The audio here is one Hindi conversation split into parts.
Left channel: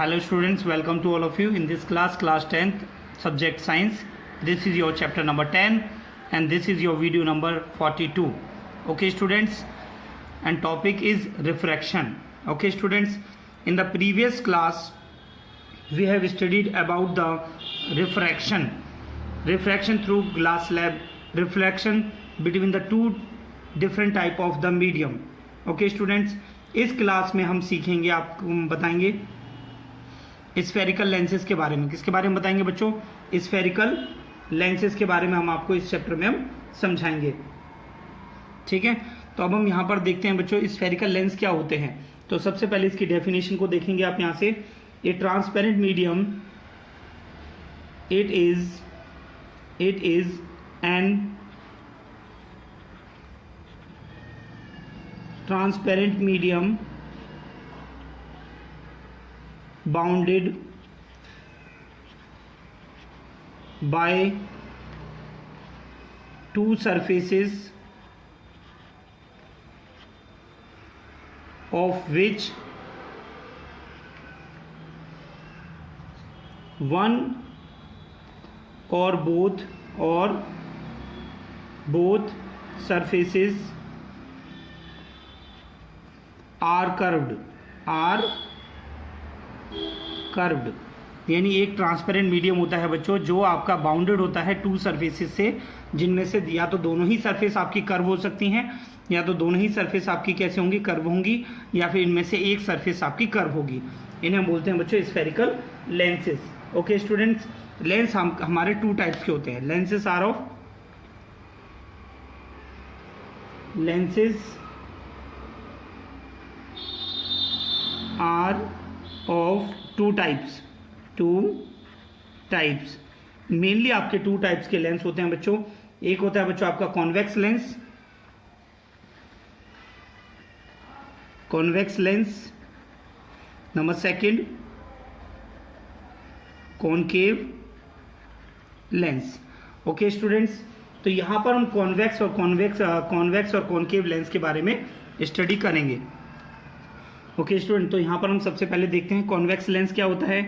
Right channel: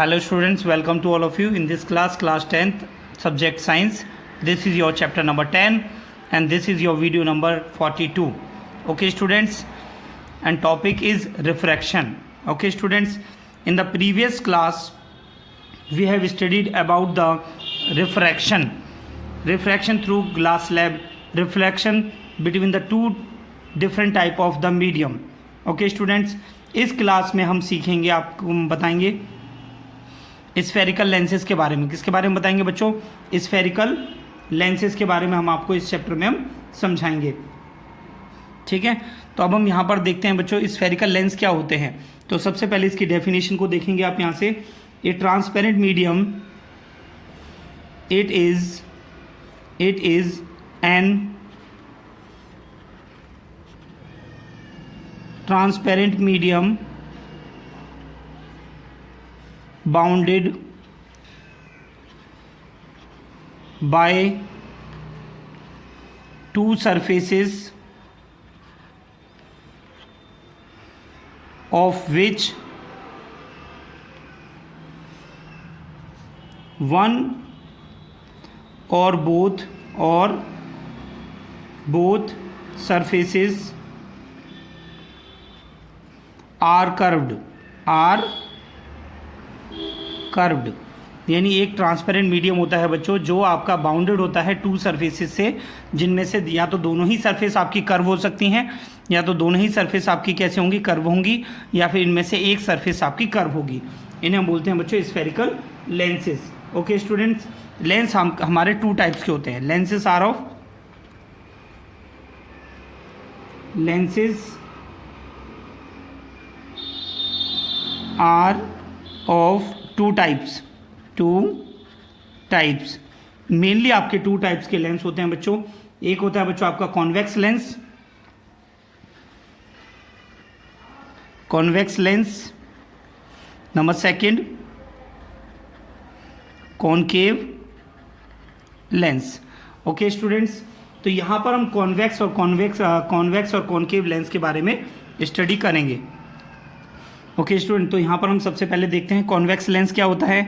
Hello students, welcome to all of you in this class 10th, subject science. This is your chapter number 10 and this is your video number 42. Okay students, and topic is refraction. Okay students, in the previous class we have studied about the refraction through glass slab, refraction between the two different type of the medium. Okay students, इस क्लास में हम सीखेंगे, आपको बताएंगे स्फेरिकल लेंसेज के बारे में. किसके बारे में बताएंगे बच्चों? स्फेरिकल लेंसेज के बारे में हम आपको इस चैप्टर में हम समझाएंगे. ठीक है, तो अब हम यहाँ पर देखते हैं बच्चों स्फेरिकल लेंस क्या होते हैं. तो सबसे पहले इसकी डेफिनेशन को देखेंगे आप यहाँ से. ए transparent medium, it is an transparent medium bounded by two surfaces of which one or both surfaces are curved. यानी एक ट्रांसपेरेंट मीडियम होता है बच्चों जो आपका बाउंडेड होता है टू सरफेसेस से, जिनमें से या तो दोनों ही सरफेस आपकी कर्व हो सकती हैं या तो दोनों ही सरफेस आपकी कैसे होंगी, कर्व होंगी, या फिर इनमें से एक सरफेस आपकी कर्व होगी. इन्हें हम बोलते हैं बच्चों spherical lenses. Okay students, lens हमारे टू टाइप्स के होते हैं. Lenses are of two types. Mainly आपके टू टाइप्स के लेंस होते हैं बच्चों. एक होता है बच्चों आपका convex lens. Number second concave lens. Okay students, तो यहां पर हम कॉन्वेक्स और कॉनकेव लेंस के बारे में स्टडी करेंगे. ओके स्टूडेंट, तो यहां पर हम सबसे पहले देखते हैं कॉन्वेक्स लेंस क्या होता है.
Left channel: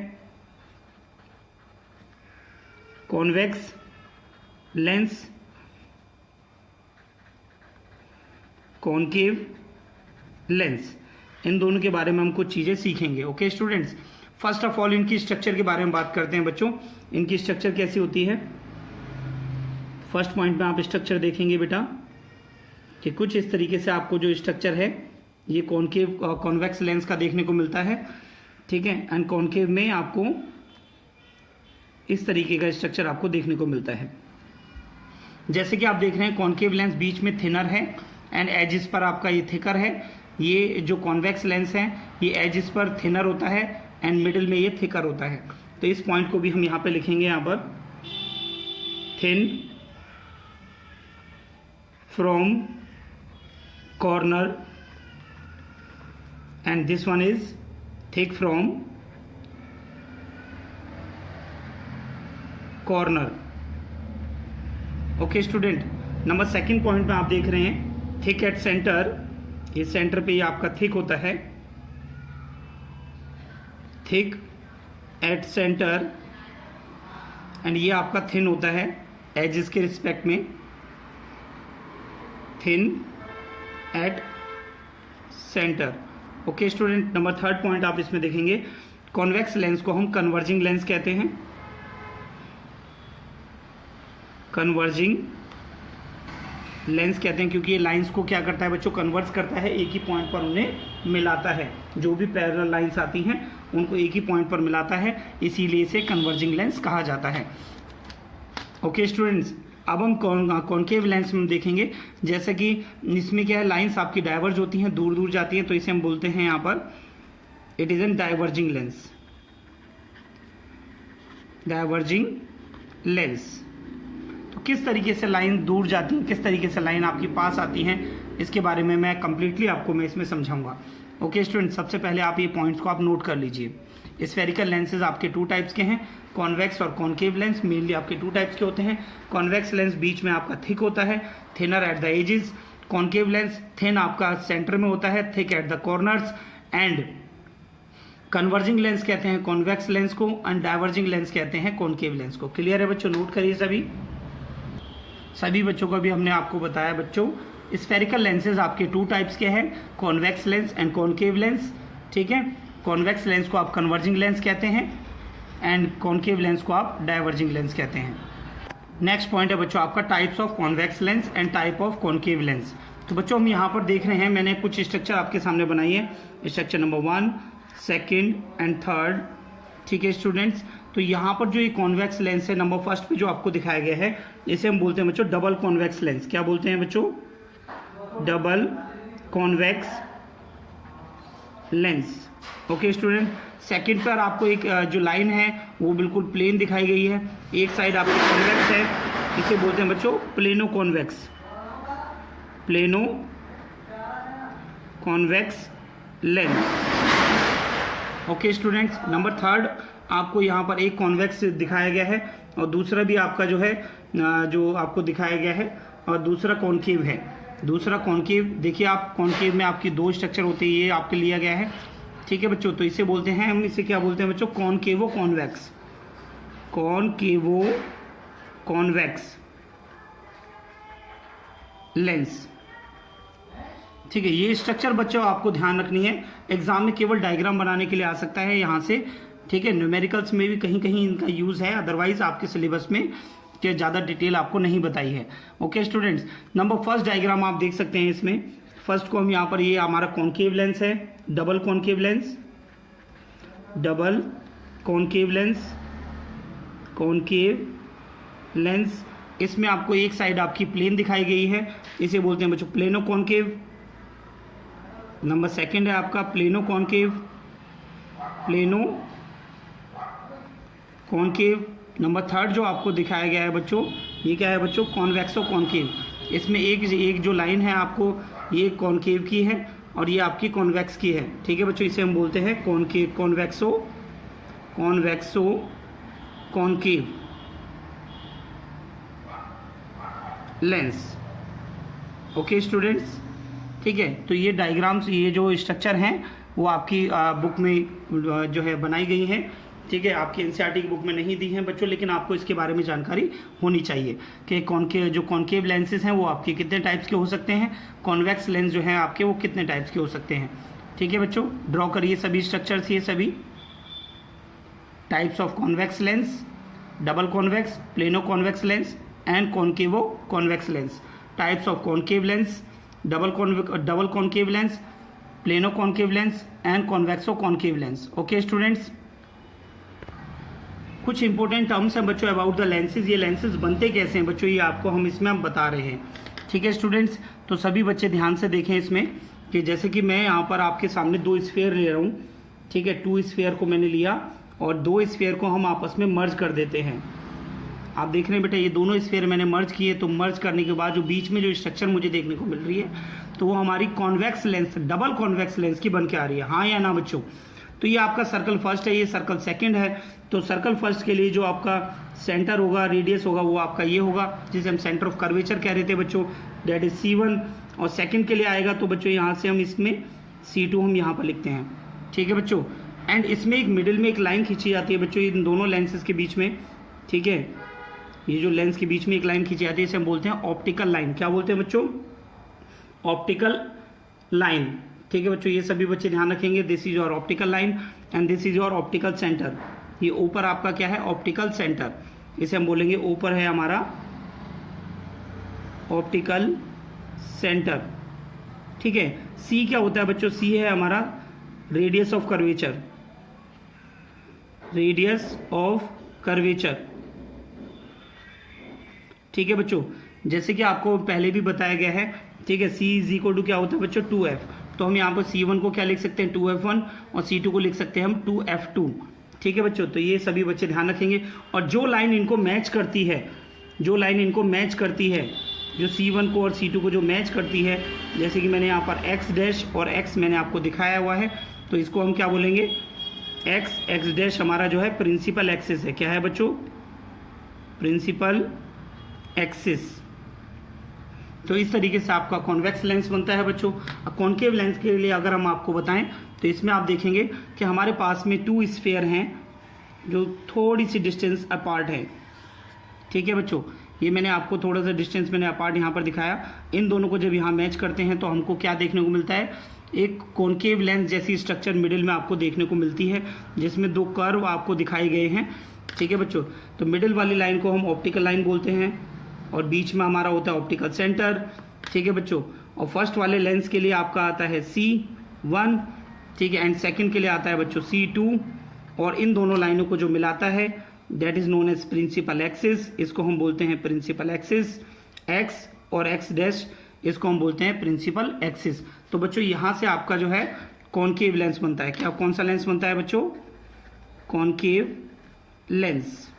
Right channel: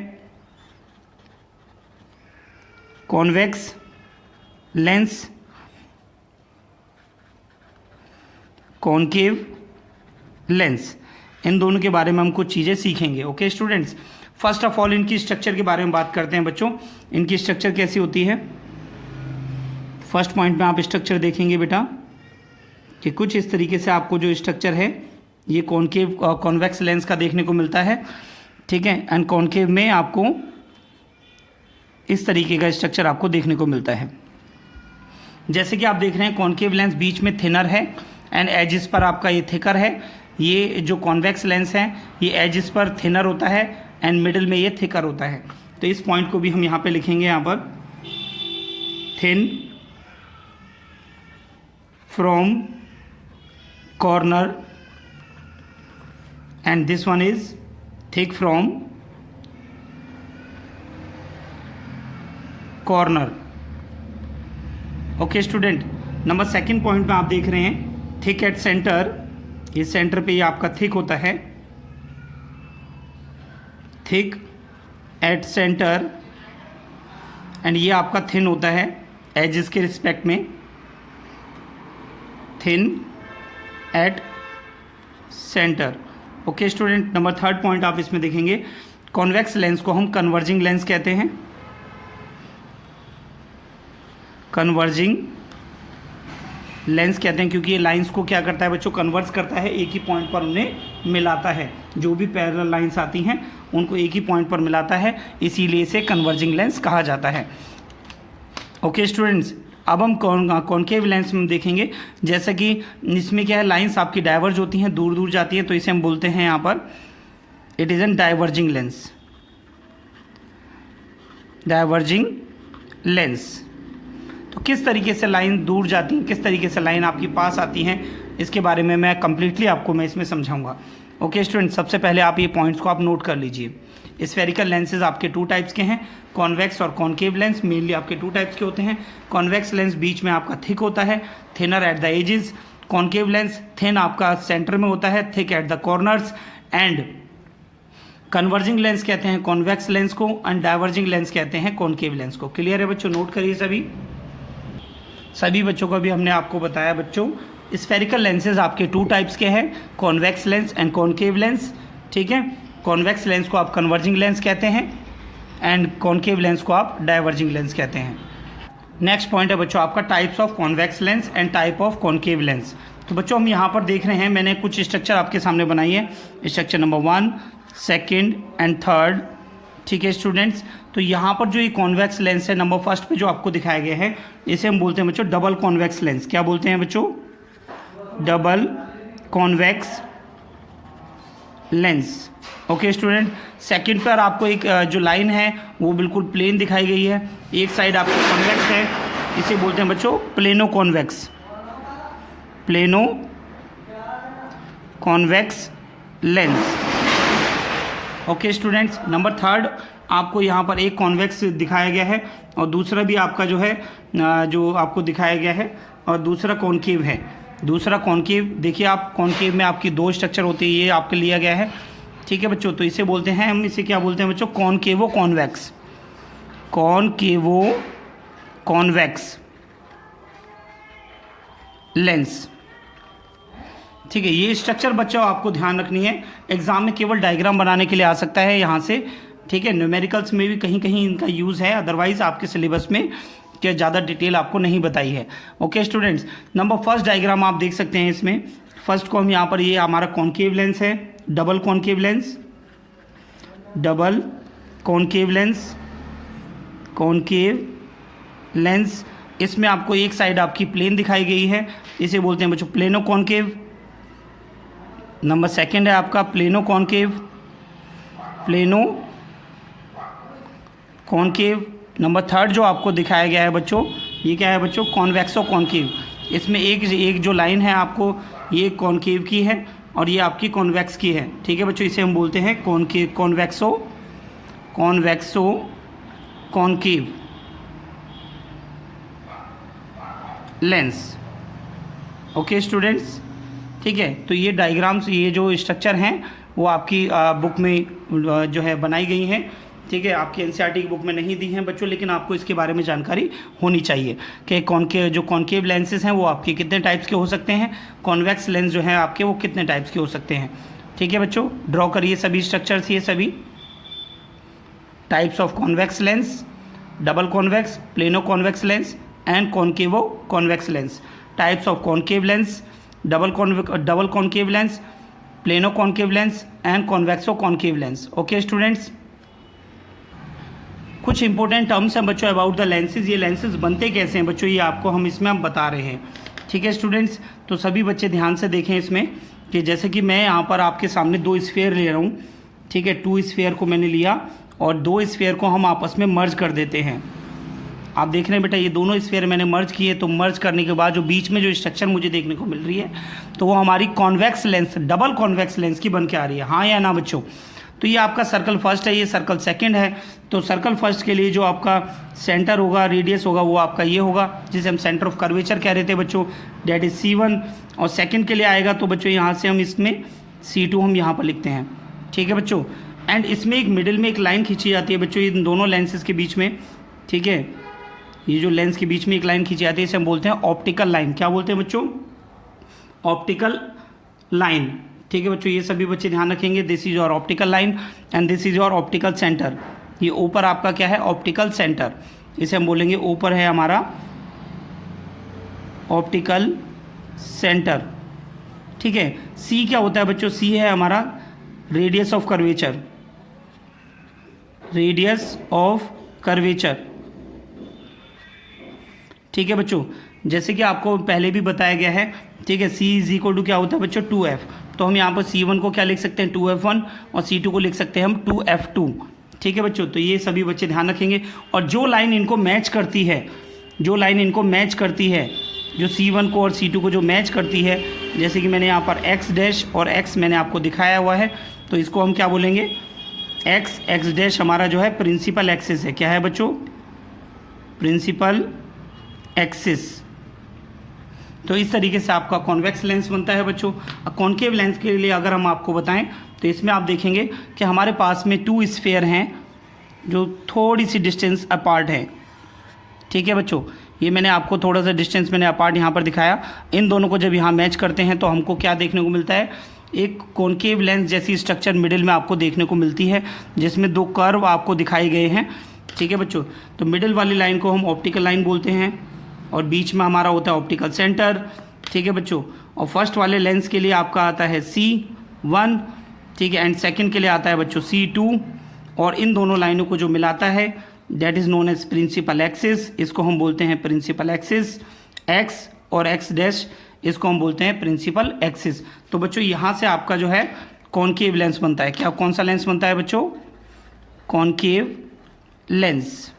कॉन्वेक्स लेंस, कॉनकेव लेंस, इन दोनों के बारे में हम कुछ चीजें सीखेंगे. Okay students, first of all इनकी स्ट्रक्चर के बारे में बात करते हैं बच्चों. इनकी स्ट्रक्चर कैसी होती है? फर्स्ट पॉइंट में आप स्ट्रक्चर देखेंगे बेटा कि कुछ इस तरीके से आपको जो स्ट्रक्चर है ये कॉन्वेक्स लेंस का देखने को मिलता है. ठीक है, एंड कॉनकेव में आपको इस तरीके का स्ट्रक्चर आपको देखने को मिलता है. जैसे कि आप देख रहे हैं कॉनकेव लेंस बीच में थिनर है एंड एजिस पर आपका ये थिकर है. ये जो कॉन्वेक्स लेंस है ये एजिस पर थिनर होता है एंड मिडिल में ये थिकर होता है. तो इस पॉइंट को भी हम यहाँ पे लिखेंगे, यहाँ पर thin from corner and this one is thick from corner. Okay student, number second point में आप देख रहे हैं थिक एट सेंटर. ये सेंटर पे ये आपका थिक होता है, थिक एट सेंटर, एंड ये आपका थिन होता है एजेस के रिस्पेक्ट में, thin at centre. Okay student, number third point आप इसमें देखेंगे कॉन्वेक्स लेंस को हम कन्वर्जिंग लेंस कहते हैं. कन्वर्जिंग लेंस कहते हैं क्योंकि ये लाइंस को क्या करता है बच्चों, कन्वर्स करता है, एक ही पॉइंट पर उन्हें मिलाता है. जो भी पैरेलल लाइंस आती हैं उनको एक ही पॉइंट पर मिलाता है, इसीलिए इसे कन्वर्जिंग लेंस कहा जाता है. ओके स्टूडेंट्स, अब हम कॉनकेव लेंस में देखेंगे. जैसा कि इसमें क्या है, लाइंस आपकी डाइवर्ज होती हैं, दूर दूर जाती हैं, तो इसे हम बोलते हैं यहाँ पर it is an diverging lens. तो किस तरीके से लाइन दूर जाती है, किस तरीके से लाइन आपकी पास आती हैं, इसके बारे में मैं कंप्लीटली आपको इसमें समझाऊंगा. ओके स्टूडेंट, सबसे पहले आप ये पॉइंट्स को आप नोट कर लीजिए. स्फेरिकल लेंसेज आपके टू टाइप्स के हैं, कॉन्वेक्स और कॉनकेव लेंस. मेनली आपके टू टाइप्स के होते हैं. कॉन्वेक्स लेंस बीच में आपका थिक होता है, thinner at the edges. Concave lens thin आपका सेंटर में होता है, thick at the corners, and converging lens कहते हैं कॉन्वेक्स लेंस को एंड डाइवर्जिंग लेंस कहते हैं कॉनकेव लेंस को। क्लियर है बच्चों? नोट करिए सभी बच्चों को भी हमने आपको बताया बच्चों, स्फेरिकल लेंसेज आपके 2 टाइप्स के हैं, convex lens and concave lens. ठीक है, कॉन्वेक्स लेंस को आप कन्वर्जिंग लेंस कहते हैं एंड कॉनकेव लेंस को आप डाइवर्जिंग लेंस कहते हैं। नेक्स्ट पॉइंट है बच्चों आपका types of convex lens and type of concave lens. तो बच्चों हम यहाँ पर देख रहे हैं, मैंने कुछ स्ट्रक्चर आपके सामने बनाई है, स्ट्रक्चर नंबर 1, 2 एंड 3। ठीक है स्टूडेंट्स, तो यहाँ पर जो ये कॉन्वेक्स लेंस है नंबर 1 पे जो आपको दिखाया गया है, इसे हम बोलते हैं बच्चों डबल कॉन्वेक्स लेंस। क्या बोलते हैं बच्चों? Double convex lens. Okay student, second पर आपको एक जो लाइन है वो बिल्कुल प्लेन दिखाई गई है, एक साइड आपको कॉन्वेक्स है, इसे बोलते हैं बच्चों plano convex, plano convex lens. Okay students, number 3 आपको यहाँ पर एक कॉन्वेक्स दिखाया गया है और दूसरा भी आपका जो है जो आपको दिखाया गया है और दूसरा कॉनकेव है। दूसरा कॉनकेव देखिए आप, कॉनकेव में आपकी 2 स्ट्रक्चर होते हैं, ये आपके लिया गया है। ठीक है बच्चों, तो इसे बोलते हैं हम, इसे क्या बोलते हैं बच्चों? कॉनकेवो कॉन्वेक्स, कॉनकेवो कॉन्वेक्स लेंस। ठीक है, ये स्ट्रक्चर बच्चों आपको ध्यान रखनी है, एग्जाम में केवल डायग्राम बनाने के लिए आ सकता है यहाँ से। ठीक है, न्यूमेरिकल्स में भी कहीं कहीं इनका यूज़ है, अदरवाइज आपके सिलेबस में क्या ज़्यादा डिटेल आपको नहीं बताई है। ओके स्टूडेंट्स, नंबर 1 डायग्राम आप देख सकते हैं इसमें। फर्स्ट को हम यहाँ पर, ये हमारा कॉनकेव लेंस है, double concave lens, double concave lens, concave lens. इसमें आपको एक साइड आपकी प्लेन दिखाई गई है, इसे बोलते हैं बच्चों प्लेनो कॉनकेव। नंबर 2 है आपका plano concave, plano concave. Number 3 जो आपको दिखाया गया है बच्चों, ये क्या है बच्चों? कॉन्वेक्सो कॉनकेव। इसमें एक जो लाइन है आपको, ये कॉनकेव की है और ये आपकी कॉन्वेक्स की है। ठीक है बच्चों, इसे हम बोलते हैं concave, कॉन्वेक्सो concave lens. Okay students, ठीक है, तो ये डायग्राम्स, ये जो स्ट्रक्चर हैं वो आपकी बुक में जो है बनाई गई हैं। ठीक है, आपकी एनसीईआरटी की बुक में नहीं दी हैं बच्चों, लेकिन आपको इसके बारे में जानकारी होनी चाहिए कि कॉनकेव लेंसेज हैं वो आपके कितने टाइप्स के हो सकते हैं, कॉन्वेक्स लेंस जो है आपके वो कितने टाइप्स के हो सकते हैं। ठीक है बच्चों, ड्रॉ करिए सभी स्ट्रक्चर्स, ये सभी types of convex lens, double convex, plano convex lens and कॉनकेवो convex lens. Types of concave lens, double concave lens, plano concave lens and कॉन्वेक्सो concave lens. Okay students, कुछ इंपॉर्टेंट टर्म्स हैं बच्चों अबाउट द लेंसेज। ये लेंसेज बनते कैसे हैं बच्चों, ये आपको हम इसमें हम बता रहे हैं। ठीक है स्टूडेंट्स, तो सभी बच्चे ध्यान से देखें इसमें कि जैसे कि मैं यहाँ पर आपके सामने 2 स्फीयर ले रहा हूँ। ठीक है, 2 स्फीयर को मैंने लिया और 2 स्फीयर को हम आपस में मर्ज कर देते हैं। आप देख रहे हैं बेटा, ये दोनों स्फीयर मैंने मर्ज किए, तो मर्ज करने के बाद जो बीच में जो स्ट्रक्चर मुझे देखने को मिल रही है, तो वो हमारी convex lens, double convex lens की बन के आ रही है। हाँ या ना बच्चों? तो ये आपका सर्कल फर्स्ट है, ये सर्कल सेकंड है। तो सर्कल फर्स्ट के लिए जो आपका सेंटर होगा, रेडियस होगा, वो आपका ये होगा, जिसे हम सेंटर ऑफ कर्वेचर कह रहे थे बच्चों, डेट इज C1। और सेकंड के लिए आएगा तो बच्चों यहाँ से हम इसमें C2 हम यहाँ पर लिखते हैं। ठीक है बच्चों, एंड इसमें एक मिडिल में एक लाइन खींची जाती है बच्चों, इन दोनों लेंसेज के बीच में। ठीक है, ये जो लेंस के बीच में एक लाइन खींची जाती है, इसे हम बोलते हैं ऑप्टिकल लाइन। क्या बोलते हैं बच्चों? Optical line. ठीक है बच्चों, ये सभी बच्चे ध्यान रखेंगे, this is your optical line and this is your optical centre. ये ऊपर आपका क्या है? ऑप्टिकल सेंटर, इसे हम बोलेंगे ऊपर है हमारा ऑप्टिकल सेंटर। ठीक है, सी क्या होता है बच्चों? सी है हमारा radius of curvature, radius of curvature. ठीक है बच्चों, जैसे कि आपको पहले भी बताया गया है। ठीक है, C इज इक्वल टू क्या होता है बच्चों? 2F। तो हम यहाँ पर C1 को क्या लिख सकते हैं? 2F1 और C2 को लिख सकते हैं हम 2F2। ठीक है बच्चों, तो ये सभी बच्चे ध्यान रखेंगे। और जो लाइन इनको मैच करती है, जो लाइन इनको मैच करती है, जो C1 को और C2 को जो मैच करती है, जैसे कि मैंने यहाँ पर X डैश और X मैंने आपको दिखाया हुआ है, तो इसको हम क्या बोलेंगे? X डैश हमारा जो है प्रिंसिपल एक्सिस है। क्या है बच्चों? Principal axis. तो इस तरीके से आपका कॉन्वेक्स लेंस बनता है बच्चों। कॉनकेव लेंस के लिए अगर हम आपको बताएं तो इसमें आप देखेंगे कि हमारे पास में 2 स्फीयर हैं जो थोड़ी सी डिस्टेंस अपार्ट है। ठीक है बच्चों, ये मैंने आपको थोड़ा सा डिस्टेंस मैंने अपार्ट यहाँ पर दिखाया। इन दोनों को जब यहाँ मैच करते हैं तो हमको क्या देखने को मिलता है, एक कॉनकेव लेंस जैसी स्ट्रक्चर मिडिल में आपको देखने को मिलती है, जिसमें 2 कर्व आपको दिखाए गए हैं। ठीक है बच्चों, तो मिडिल वाली लाइन को हम ऑप्टिकल लाइन बोलते हैं और बीच में हमारा होता है ऑप्टिकल सेंटर। ठीक है बच्चों, और फर्स्ट वाले लेंस के लिए आपका आता है C1, ठीक है, एंड सेकंड के लिए आता है बच्चों C2, और इन दोनों लाइनों को जो मिलाता है that is known as principal axis, इसको हम बोलते हैं प्रिंसिपल एक्सिस। X और X डैश इसको हम बोलते हैं प्रिंसिपल एक्सिस। तो बच्चों यहाँ से आपका जो है कॉनकेव लेंस बनता है। क्या कौन सा लेंस बनता है बच्चों, कॉनकेव लेंस।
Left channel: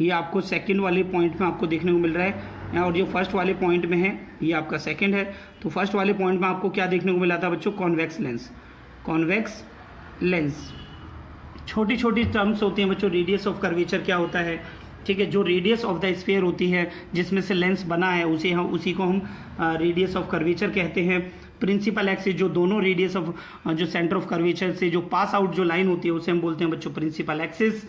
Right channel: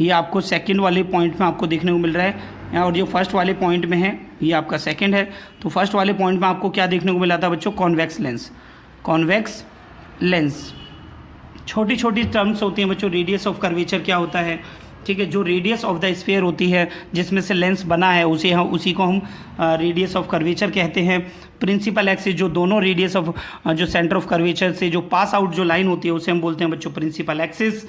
ये आपको सेकंड वाले पॉइंट में आपको देखने को मिल रहा है, और ये फर्स्ट वाले पॉइंट में है, ये आपका सेकंड है। तो फर्स्ट वाले पॉइंट में आपको क्या देखने को मिला था बच्चों, कॉन्वेक्स लेंस। कॉन्वेक्स लेंस, छोटी छोटी टर्म्स होती हैं बच्चों। रेडियस ऑफ कर्वेचर क्या होता है, ठीक है, जो रेडियस ऑफ द स्फीयर होती है जिसमें से लेंस बना है उसी को हम रेडियस ऑफ कर्वेचर कहते हैं। प्रिंसिपल एक्सिस, जो दोनों रेडियस ऑफ जो सेंटर ऑफ कर्वेचर से जो पास आउट जो लाइन होती है उसे हम बोलते हैं बच्चों प्रिंसिपल एक्सिस।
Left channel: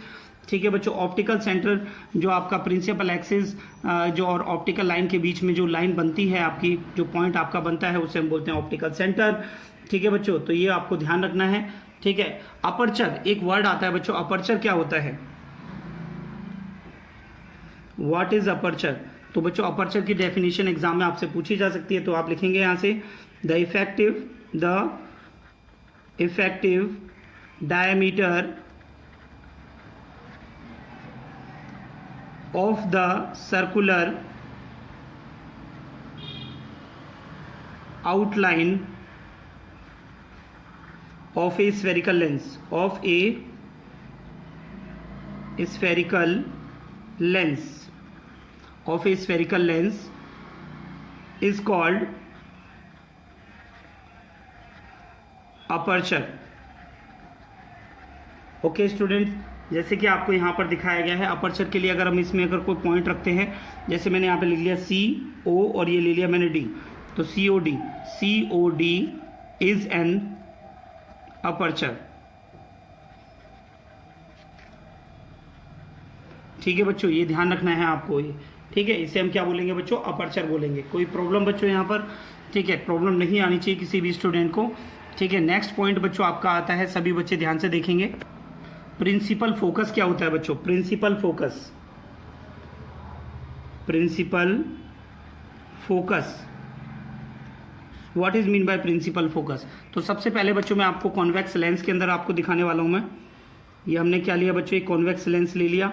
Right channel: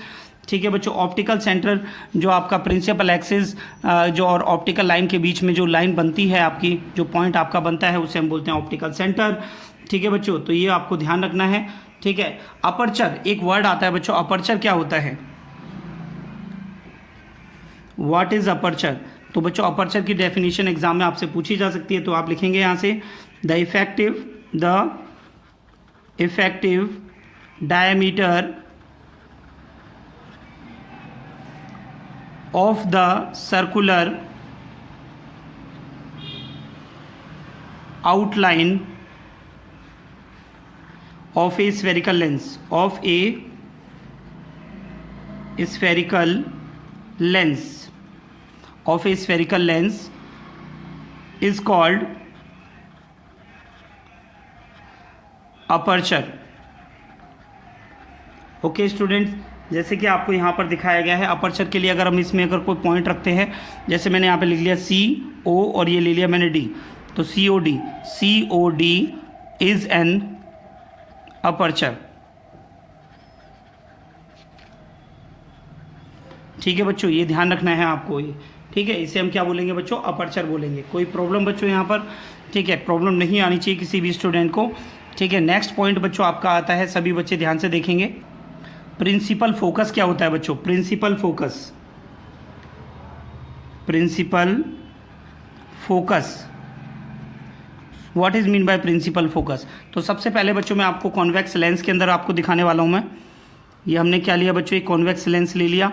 ठीक है बच्चों, ऑप्टिकल सेंटर जो आपका प्रिंसिपल एक्सिस जो और ऑप्टिकल लाइन के बीच में जो लाइन बनती है आपकी, जो पॉइंट आपका बनता है उसे हम बोलते हैं ऑप्टिकल सेंटर। ठीक है बच्चों, तो ये आपको ध्यान रखना है। ठीक है, अपर्चर एक वर्ड आता है बच्चों, अपर्चर क्या होता है, व्हाट इज अपर्चर। तो बच्चों अपर्चर की डेफिनेशन एग्जाम में आपसे पूछी जा सकती है, तो आप लिखेंगे यहाँ से the effective diameter of the circular outline of a spherical lens is called aperture। Okay students, जैसे कि आपको यहाँ पर दिखाया गया है अपर्चर के लिए अगर हम इसमें अगर कोई पॉइंट रखते हैं, जैसे मैंने यहाँ पे लिख लिया CO और ये ले लिया मैंने D, तो COD इज एन अपर्चर। ठीक है बच्चों, ये ध्यान रखना है आपको। ठीक है, इसे हम क्या बोलेंगे बच्चों, अपर्चर बोलेंगे। कोई प्रॉब्लम बच्चों यहाँ पर, ठीक है, प्रॉब्लम नहीं आनी चाहिए किसी भी स्टूडेंट को। ठीक है, नेक्स्ट पॉइंट बच्चों आपका आता है, सभी बच्चे ध्यान से देखेंगे, प्रिंसिपल फोकस क्या होता है बच्चों, principal focus what is mean by principal focus. तो सबसे पहले बच्चों मैं आपको कॉन्वेक्स लेंस के अंदर आपको दिखाने वाला हूं मैं। ये हमने क्या लिया बच्चों, एक कॉन्वेक्स लेंस ले लिया।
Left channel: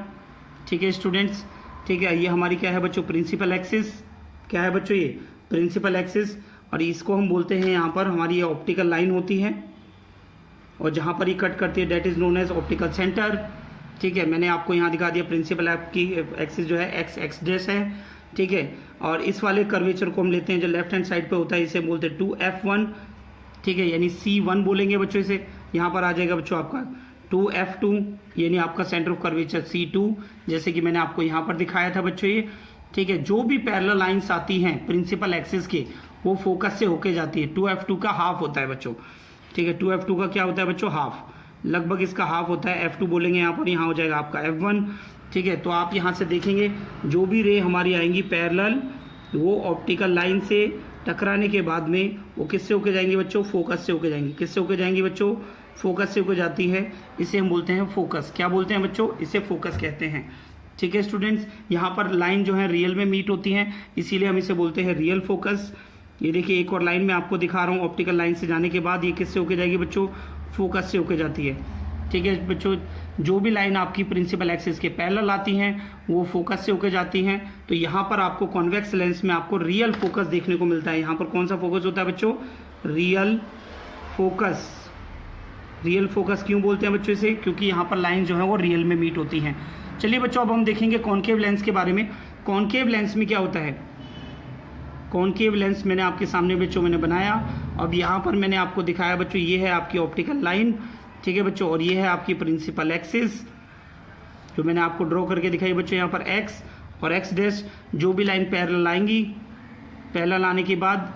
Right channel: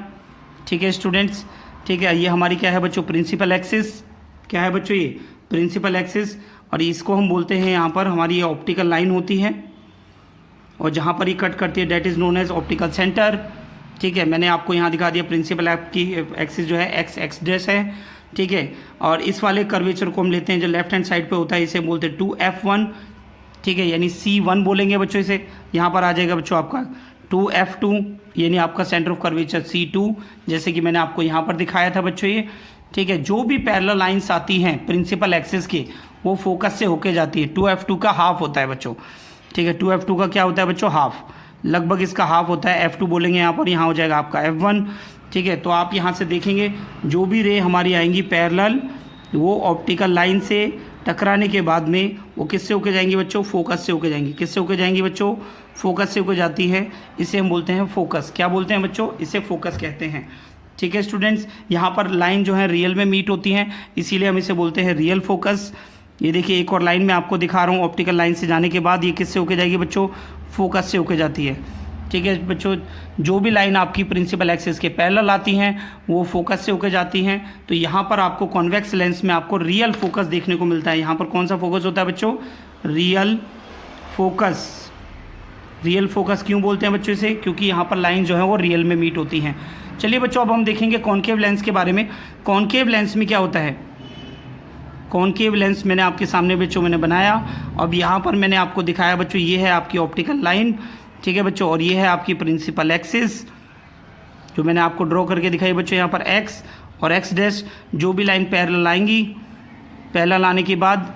ठीक है स्टूडेंट्स, ठीक है, ये हमारी क्या है बच्चों, प्रिंसिपल एक्सिस। क्या है बच्चों, ये प्रिंसिपल एक्सिस, और इसको हम बोलते हैं यहाँ पर हमारी ये ऑप्टिकल लाइन होती है, और जहाँ पर ये कट करती है that is known as optical centre. ठीक है, मैंने आपको यहाँ दिखा दिया प्रिंसिपल की एक्सिस जो है X डैश है। ठीक है, और इस वाले कर्वेचर को हम लेते हैं जो लेफ्ट हैंड साइड पे होता है, इसे बोलते हैं 2F1। ठीक है, यानी C1 बोलेंगे बच्चों इसे। यहाँ पर आ जाएगा बच्चों आपका 2F2, यानी आपका सेंटर ऑफ कर्वेचर C2, जैसे कि मैंने आपको यहाँ पर दिखाया था बच्चों ये। ठीक है, जो भी पैरेलल लाइंस आती हैं प्रिंसिपल एक्सिस के वो फोकस से होके जाती है। 2F2 का हाफ होता है बच्चों। ठीक है, 2F2 का क्या होता है बच्चों, हाफ, लगभग इसका हाफ होता है। F2 बोलेंगे यहाँ पर, यहाँ हो जाएगा आपका F1। ठीक है, तो आप यहाँ से देखेंगे जो भी रे हमारी आएंगी पैरेलल, वो ऑप्टिकल लाइन से टकराने के बाद में वो किससे होके जाएंगी बच्चों, फोकस से होके जाएंगी। किससे होके जाएंगी बच्चों, फोकस से होके जाती है। इसे हम बोलते हैं फोकस। क्या बोलते हैं बच्चों, इसे फोकस कहते हैं। ठीक है स्टूडेंट्स, यहाँ पर लाइन जो है रियल में मीट होती हैं, इसीलिए हम इसे बोलते हैं रियल फोकस। ये देखिए एक और लाइन में आपको दिखा रहा हूँ, ऑप्टिकल लाइन से जाने के बाद ये किससे होके जाएगी बच्चों, फोकस से होके जाती है। ठीक है बच्चों, जो भी लाइन आपकी प्रिंसिपल एक्सिस के पैरेलल आती हैं वो फोकस से होके जाती हैं। तो यहाँ पर आपको कॉन्वेक्स लेंस में आपको रियल फोकस देखने को मिलता है। यहाँ पर कौन सा फोकस होता है बच्चों, रियल फोकस। रियल फोकस क्यों बोलते हैं बच्चों इसे, क्योंकि यहाँ पर लाइन जो है वो रियल में मीट होती हैं। चलिए बच्चों, अब हम देखेंगे कॉनकेव लेंस के बारे में। कॉनकेव लेंस में क्या होता है, कॉनकेव लेंस मैंने आपके सामने बच्चों मैंने बनाया। अब यहाँ पर मैंने आपको दिखाया बच्चों, ये है आपकी ऑप्टिकल लाइन। ठीक है बच्चों, और ये है आपकी प्रिंसिपल एक्सिस जो मैंने आपको ड्रॉ करके दिखाई बच्चों। यहाँ पर X और X डैश, जो भी लाइन पैरेलल आएंगी, पैरेलल आने के बाद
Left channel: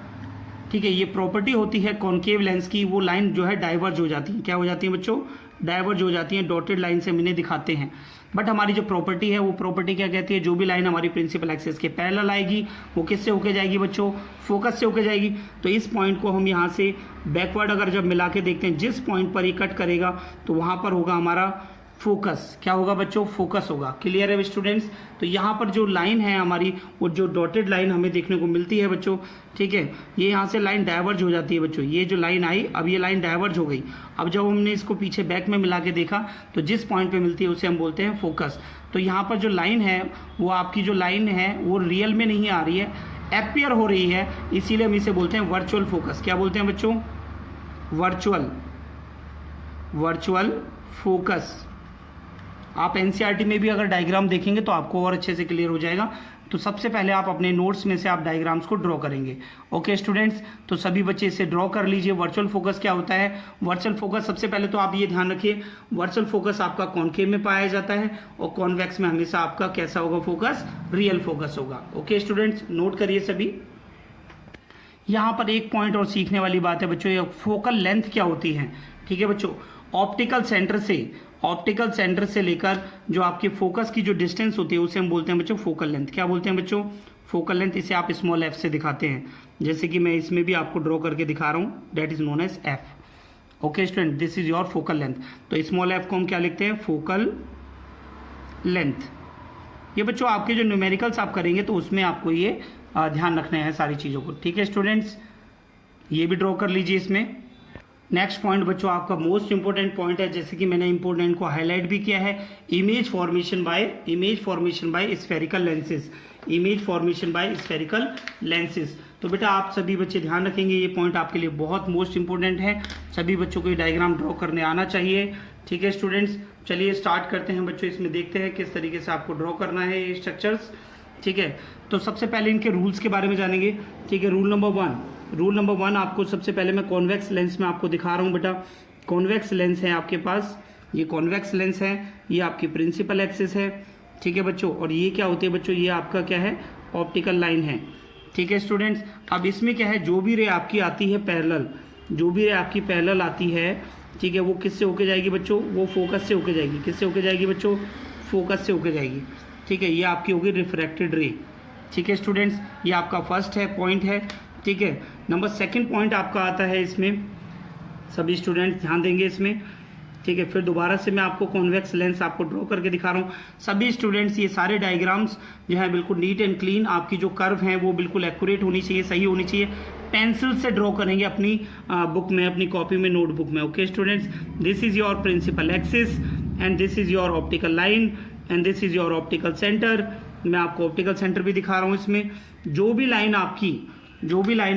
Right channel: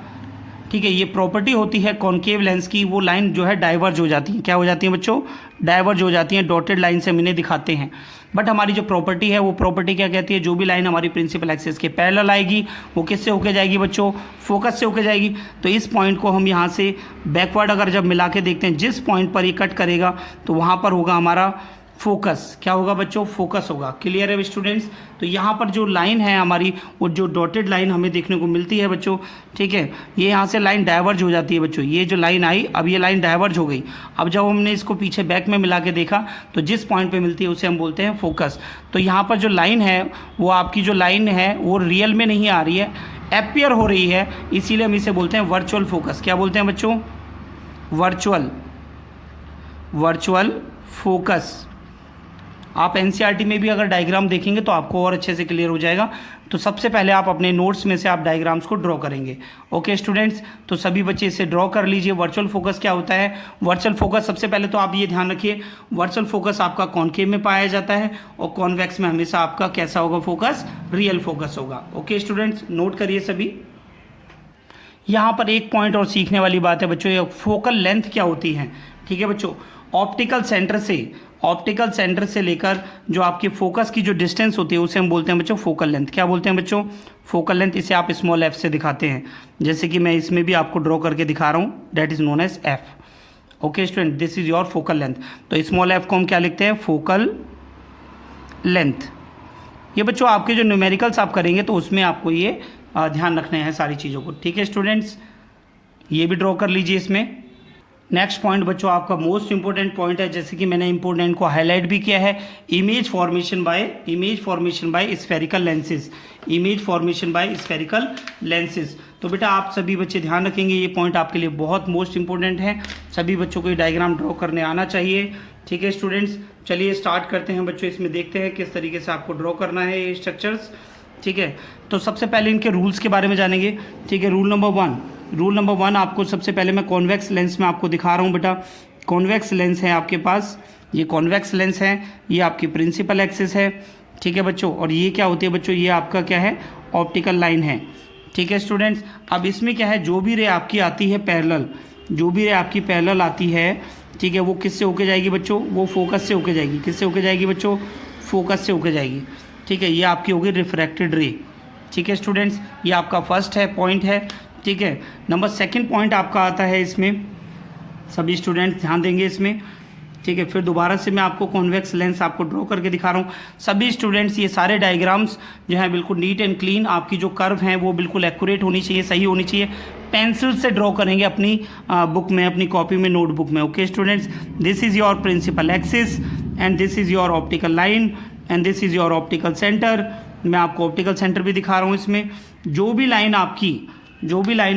ठीक है, ये प्रॉपर्टी होती है कॉनकेव लेंस की, वो लाइन जो है डाइवर्ज हो जाती है। क्या हो जाती है बच्चों? डाइवर्ज हो जाती हैं। डॉटेड लाइन से हम इन्हें दिखाते हैं। बट हमारी जो प्रॉपर्टी है वो प्रॉपर्टी क्या कहती है? जो भी लाइन हमारी प्रिंसिपल एक्सिस के पैरेलल आएगी वो किससे होके जाएगी बच्चों? फोकस से होके जाएगी। तो इस पॉइंट को हम यहाँ से बैकवर्ड अगर जब मिला के देखते हैं, जिस पॉइंट पर ये कट करेगा तो वहाँ पर होगा हमारा फोकस। क्या होगा बच्चों? फोकस होगा। क्लियर है स्टूडेंट्स? तो यहाँ पर जो लाइन है हमारी, वो जो डॉटेड लाइन हमें देखने को मिलती है बच्चों, ठीक है, ये यहाँ से लाइन डाइवर्ज हो जाती है बच्चों। ये जो लाइन आई, अब ये लाइन डाइवर्ज हो गई। अब जब हमने इसको पीछे बैक में मिला के देखा तो जिस पॉइंट पे मिलती है उसे हम बोलते हैं फोकस। तो यहाँ पर जो लाइन है, वो आपकी जो लाइन है वो रियल में नहीं आ रही है, एपियर हो रही है, इसीलिए हम इसे बोलते हैं वर्चुअल फोकस। क्या बोलते हैं बच्चों? Virtual focus. आप एनसीईआरटी में भी अगर डायग्राम देखेंगे तो आपको और अच्छे से क्लियर हो जाएगा। तो सबसे पहले आप अपने नोट्स में से आप डायग्राम्स को ड्रॉ करेंगे। ओके स्टूडेंट्स, तो सभी बच्चे इसे ड्रॉ कर लीजिए। वर्चुअल फोकस क्या होता है? वर्चुअल फोकस, सबसे पहले तो आप ये ध्यान रखिए, वर्चुअल फोकस आपका कॉनकेव में पाया जाता है और कॉन्वेक्स में हमेशा आपका कैसा होगा फोकस? रियल फोकस होगा। ओके स्टूडेंट्स, नोट करिए सभी। यहाँ पर एक पॉइंट और सीखने वाली बात है बच्चों, ये फोकल लेंथ क्या होती है। ठीक है बच्चों, ऑप्टिकल सेंटर से लेकर जो आपके फोकस की जो डिस्टेंस होती है उसे हम बोलते हैं बच्चों फोकल लेंथ। क्या बोलते हैं बच्चों? Focal length. इसे आप स्मॉल एफ से दिखाते हैं, जैसे कि मैं इसमें भी आपको ड्रॉ करके दिखा रहा हूँ, that is known as F. Okay student, this is your focal length. तो स्मॉल एफ को हम क्या लिखते हैं? Focal length. ये बच्चों आपके जो न्यूमेरिकल्स आप करेंगे तो उसमें आपको ये ध्यान रखना है सारी चीज़ों को। ठीक है स्टूडेंट्स, ये भी ड्रॉ कर लीजिए इसमें। नेक्स्ट पॉइंट बच्चों आपका मोस्ट इंपॉर्टेंट पॉइंट है, जैसे कि मैंने इंपॉर्टेंट को हाईलाइट भी किया है, image formation by spherical lenses. Image formation by spherical lenses. तो बेटा आप सभी बच्चे ध्यान रखेंगे, ये पॉइंट आपके लिए बहुत मोस्ट इंपॉर्टेंट है। सभी बच्चों को ये डायग्राम ड्रॉ करने आना चाहिए। ठीक है स्टूडेंट्स, चलिए स्टार्ट करते हैं बच्चों। इसमें देखते हैं किस तरीके से आपको ड्रॉ करना है ये स्ट्रक्चर्स। ठीक है, तो सबसे पहले इनके रूल्स के बारे में जानेंगे। ठीक है, रूल नंबर वन आपको सबसे पहले मैं कॉन्वेक्स लेंस में आपको दिखा रहा हूँ बेटा। कॉन्वेक्स लेंस है आपके पास, ये कॉन्वेक्स लेंस है, ये आपकी प्रिंसिपल एक्सिस है। ठीक है बच्चों, और ये क्या होती है बच्चों? ये आपका क्या है? ऑप्टिकल लाइन है। ठीक है स्टूडेंट्स, अब इसमें क्या है, जो भी रे आपकी आती है पैरेलल आती है, ठीक है, वो किससे होके जाएगी बच्चों? वो फोकस से होके जाएगी। किससे होके जाएगी बच्चों? फोकस से होके जाएगी। ठीक है, ये आपकी होगी रिफ्रैक्टेड रे। ठीक है स्टूडेंट्स, ये आपका फर्स्ट है पॉइंट है। ठीक है, नंबर सेकंड पॉइंट आपका आता है इसमें, सभी स्टूडेंट्स ध्यान देंगे इसमें। ठीक है, फिर दोबारा से मैं आपको कॉन्वेक्स लेंस आपको ड्रॉ करके दिखा रहा हूँ। सभी स्टूडेंट्स ये सारे डायग्राम्स जो है बिल्कुल नीट एंड क्लीन, आपकी जो कर्व हैं वो बिल्कुल एक्यूरेट होनी चाहिए, सही होनी चाहिए। पेंसिल से ड्रॉ करेंगे अपनी बुक में, अपनी कॉपी में, नोटबुक में। Okay students, this is your principal axis and this is your optical line and this is your optical centre. मैं आपको ऑप्टिकल सेंटर भी दिखा रहा हूँ इसमें। जो भी लाइन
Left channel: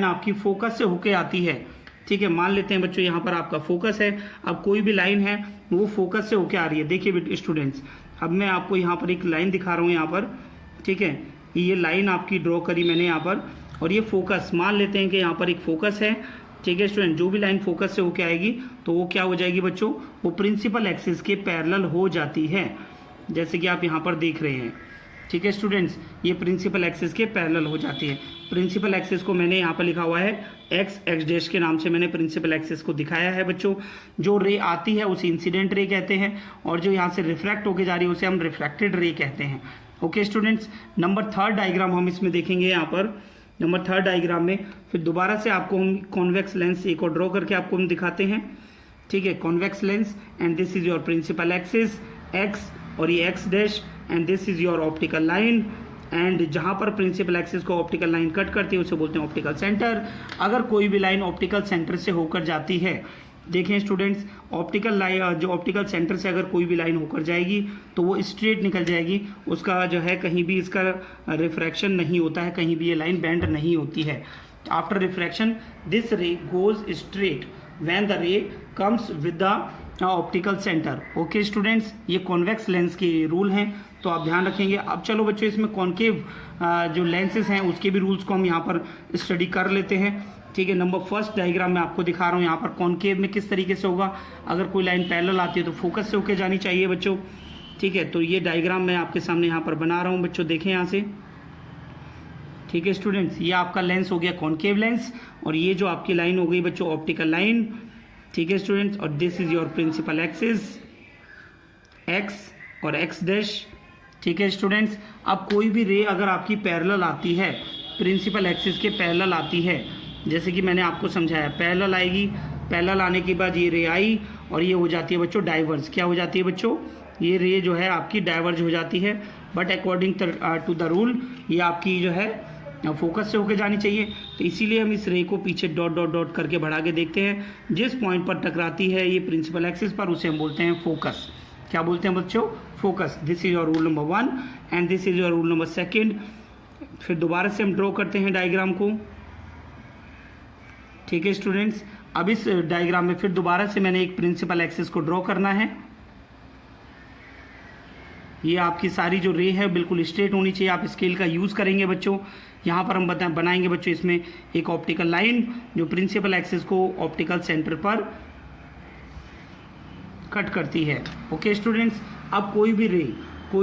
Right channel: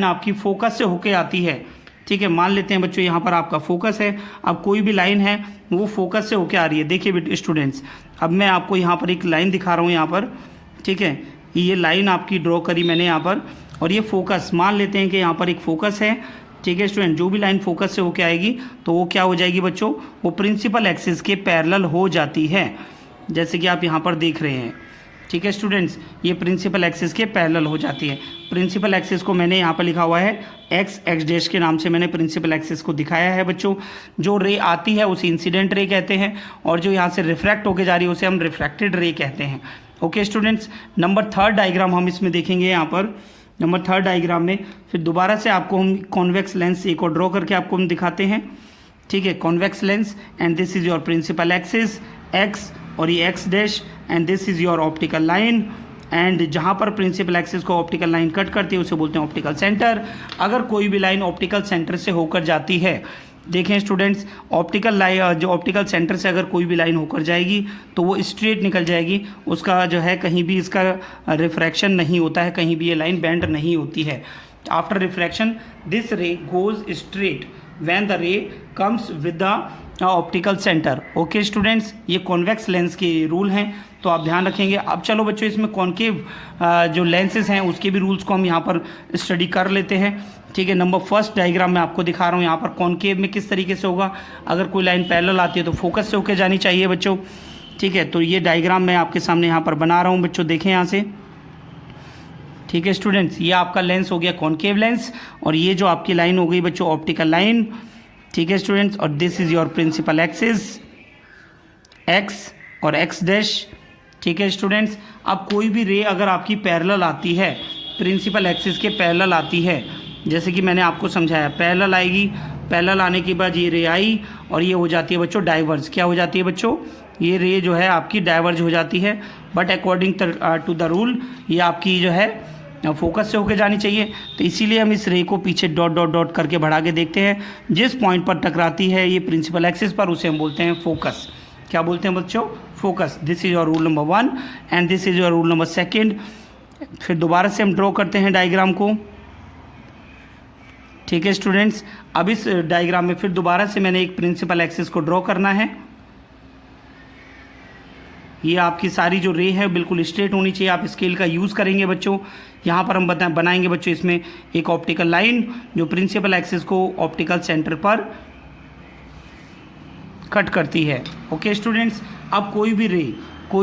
आपकी फोकस से होके आती है, ठीक है, मान लेते हैं बच्चों यहाँ पर आपका फोकस है, अब कोई भी लाइन है वो फोकस से होके आ रही है। देखिए स्टूडेंट्स, अब मैं आपको यहाँ पर एक लाइन दिखा रहा हूँ यहाँ पर। ठीक है, ये लाइन आपकी ड्रॉ करी मैंने यहाँ पर, और ये फोकस, मान लेते हैं कि यहाँ पर एक फोकस है। ठीक है स्टूडेंट, जो भी लाइन फोकस से होके आएगी तो वो क्या हो जाएगी बच्चों? वो प्रिंसिपल एक्सिस के पैरेलल हो जाती है, जैसे कि आप यहाँ पर देख रहे हैं। ठीक है स्टूडेंट्स, ये प्रिंसिपल एक्सिस के पैरेलल हो जाती है। प्रिंसिपल एक्सिस को मैंने यहाँ पर लिखा हुआ है एक्स डैश के नाम से मैंने प्रिंसिपल एक्सिस को दिखाया है बच्चों। जो रे आती है उसे इंसिडेंट रे कहते हैं, और जो यहाँ से रिफ्रैक्ट होके जा रही है उसे हम रिफ्रैक्टेड रे कहते हैं। Okay students, number third diagram हम इसमें देखेंगे। यहाँ पर नंबर थर्ड डायग्राम में फिर दोबारा से आपको हम कॉन्वेक्स लेंस एक और ड्रॉ करके आपको हम दिखाते हैं। ठीक है, convex lens and this is your principal axis X, और ये X dash, and this is your optical line. And जहाँ पर प्रिंसिपल एक्सिस को ऑप्टिकल लाइन कट करती है उसे बोलते हैं ऑप्टिकल सेंटर। अगर कोई भी लाइन ऑप्टिकल सेंटर से होकर जाती है, देखें स्टूडेंट्स, ऑप्टिकल लाइन जो ऑप्टिकल सेंटर से अगर कोई भी लाइन होकर जाएगी तो वो स्ट्रेट निकल जाएगी, उसका जो है कहीं भी इसका रिफ्रैक्शन नहीं होता है, कहीं भी ये लाइन बेंड नहीं होती है। आफ्टर रिफ्रैक्शन दिस रे गोज स्ट्रेट व्हेन द रे comes with the optical centre. Okay students, ये कॉन्वेक्स लेंस के रूल हैं, तो आप ध्यान रखेंगे। अब चलो बच्चों, इसमें कॉन्केव जो लेंसेज हैं उसके भी रूल्स को हम यहाँ पर स्टडी कर लेते हैं। ठीक है, नंबर फर्स्ट डायग्राम में आपको दिखा रहा हूँ यहाँ पर कॉन्केव में किस तरीके से होगा। अगर कोई लाइन पैरेलल आती है तो फोकस से होके जानी चाहिए बच्चों। ठीक है, तो ये डायग्राम मैं आपके सामने यहाँ पर बना रहा हूँ बच्चों, देखें यहाँ से। ठीक है स्टूडेंट्स, ये आपका लेंस हो गया कॉनकेव लेंस, और ये जो आपकी लाइन हो गई बच्चों ऑप्टिकल लाइन। ठीक है स्टूडेंट्स, और this is your principal axis X और एक्स डैश। ठीक है स्टूडेंट्स, अब कोई भी रे अगर आपकी पैरेलल आती है, प्रिंसिपल एक्सिस के पैरेलल आती है, जैसे कि मैंने आपको समझाया पैरेलल आएगी, पैरेलल आने के बाद ये रे आई और ये हो जाती है बच्चों डाइवर्ज। क्या हो जाती है बच्चों, ये रे जो है आपकी डाइवर्ज हो जाती है, but according to the rule ये आपकी जो है फोकस से होकर जानी चाहिए। तो इसीलिए हम इस रे को पीछे डॉट डॉट डॉट करके बढ़ा के देखते हैं, जिस पॉइंट पर टकराती है ये प्रिंसिपल एक्सिस पर, उसे हम बोलते हैं फोकस। क्या बोलते हैं बच्चों, focus. This is your rule number 1 and this is your rule number 2। फिर दोबारा से हम ड्रॉ करते हैं डायग्राम को। ठीक है स्टूडेंट्स, अब इस डायग्राम में फिर दोबारा से मैंने एक प्रिंसिपल एक्सिस को ड्रॉ करना है। ये आपकी सारी जो रे है बिल्कुल स्ट्रेट होनी चाहिए, आप स्केल का यूज़ करेंगे बच्चों। यहाँ पर हम बनाएंगे बच्चों इसमें एक ऑप्टिकल लाइन जो प्रिंसिपल एक्सिस को ऑप्टिकल सेंटर पर कट करती है। ओके स्टूडेंट्स, अब कोई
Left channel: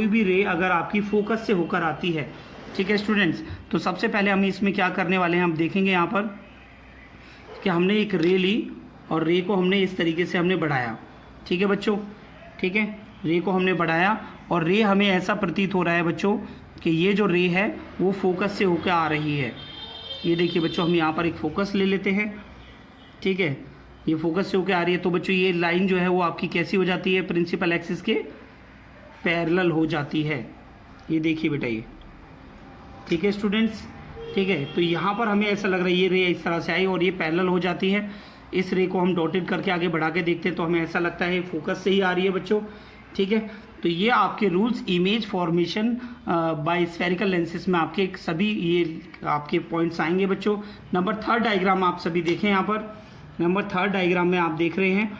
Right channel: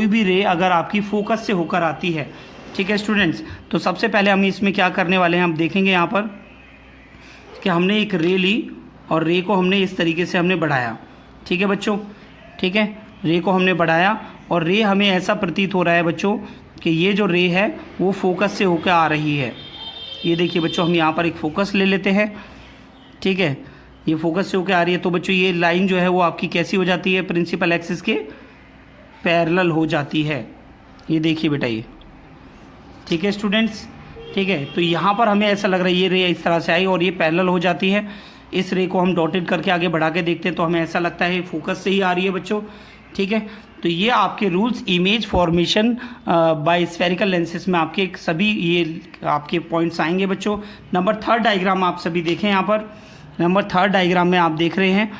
भी रे अगर आपकी फोकस से होकर आती है, ठीक है स्टूडेंट्स, तो सबसे पहले हम इसमें क्या करने वाले हैं, हम देखेंगे यहाँ पर कि हमने एक रे ली और रे को हमने इस तरीके से हमने बढ़ाया। ठीक है बच्चों, ठीक है, रे को हमने बढ़ाया और रे हमें ऐसा प्रतीत हो रहा है बच्चों कि ये जो रे है वो फोकस से होकर आ रही है। ये देखिए बच्चों, हम यहाँ पर एक फोकस ले लेते हैं। ठीक है, ये फोकस से होकर आ रही है, तो बच्चों ये लाइन जो है वो आपकी कैसी हो जाती है, प्रिंसिपल एक्सिस के पैरेलल हो जाती है। ये देखिए बेटा ये, ठीक है स्टूडेंट्स, ठीक है। तो यहाँ पर हमें ऐसा लग रहा है ये रे इस तरह से आई और ये पैरेलल हो जाती है। इस रे को हम डॉटेड करके आगे बढ़ा के देखते हैं तो हमें ऐसा लगता है फोकस से ही आ रही है बच्चों। ठीक है, तो ये आपके rules image formation by spherical lenses में आपके सभी ये आपके पॉइंट्स आएंगे बच्चों। नंबर 3 डायग्राम आप सभी देखें। यहाँ पर नंबर 3 डायग्राम में आप देख रहे हैं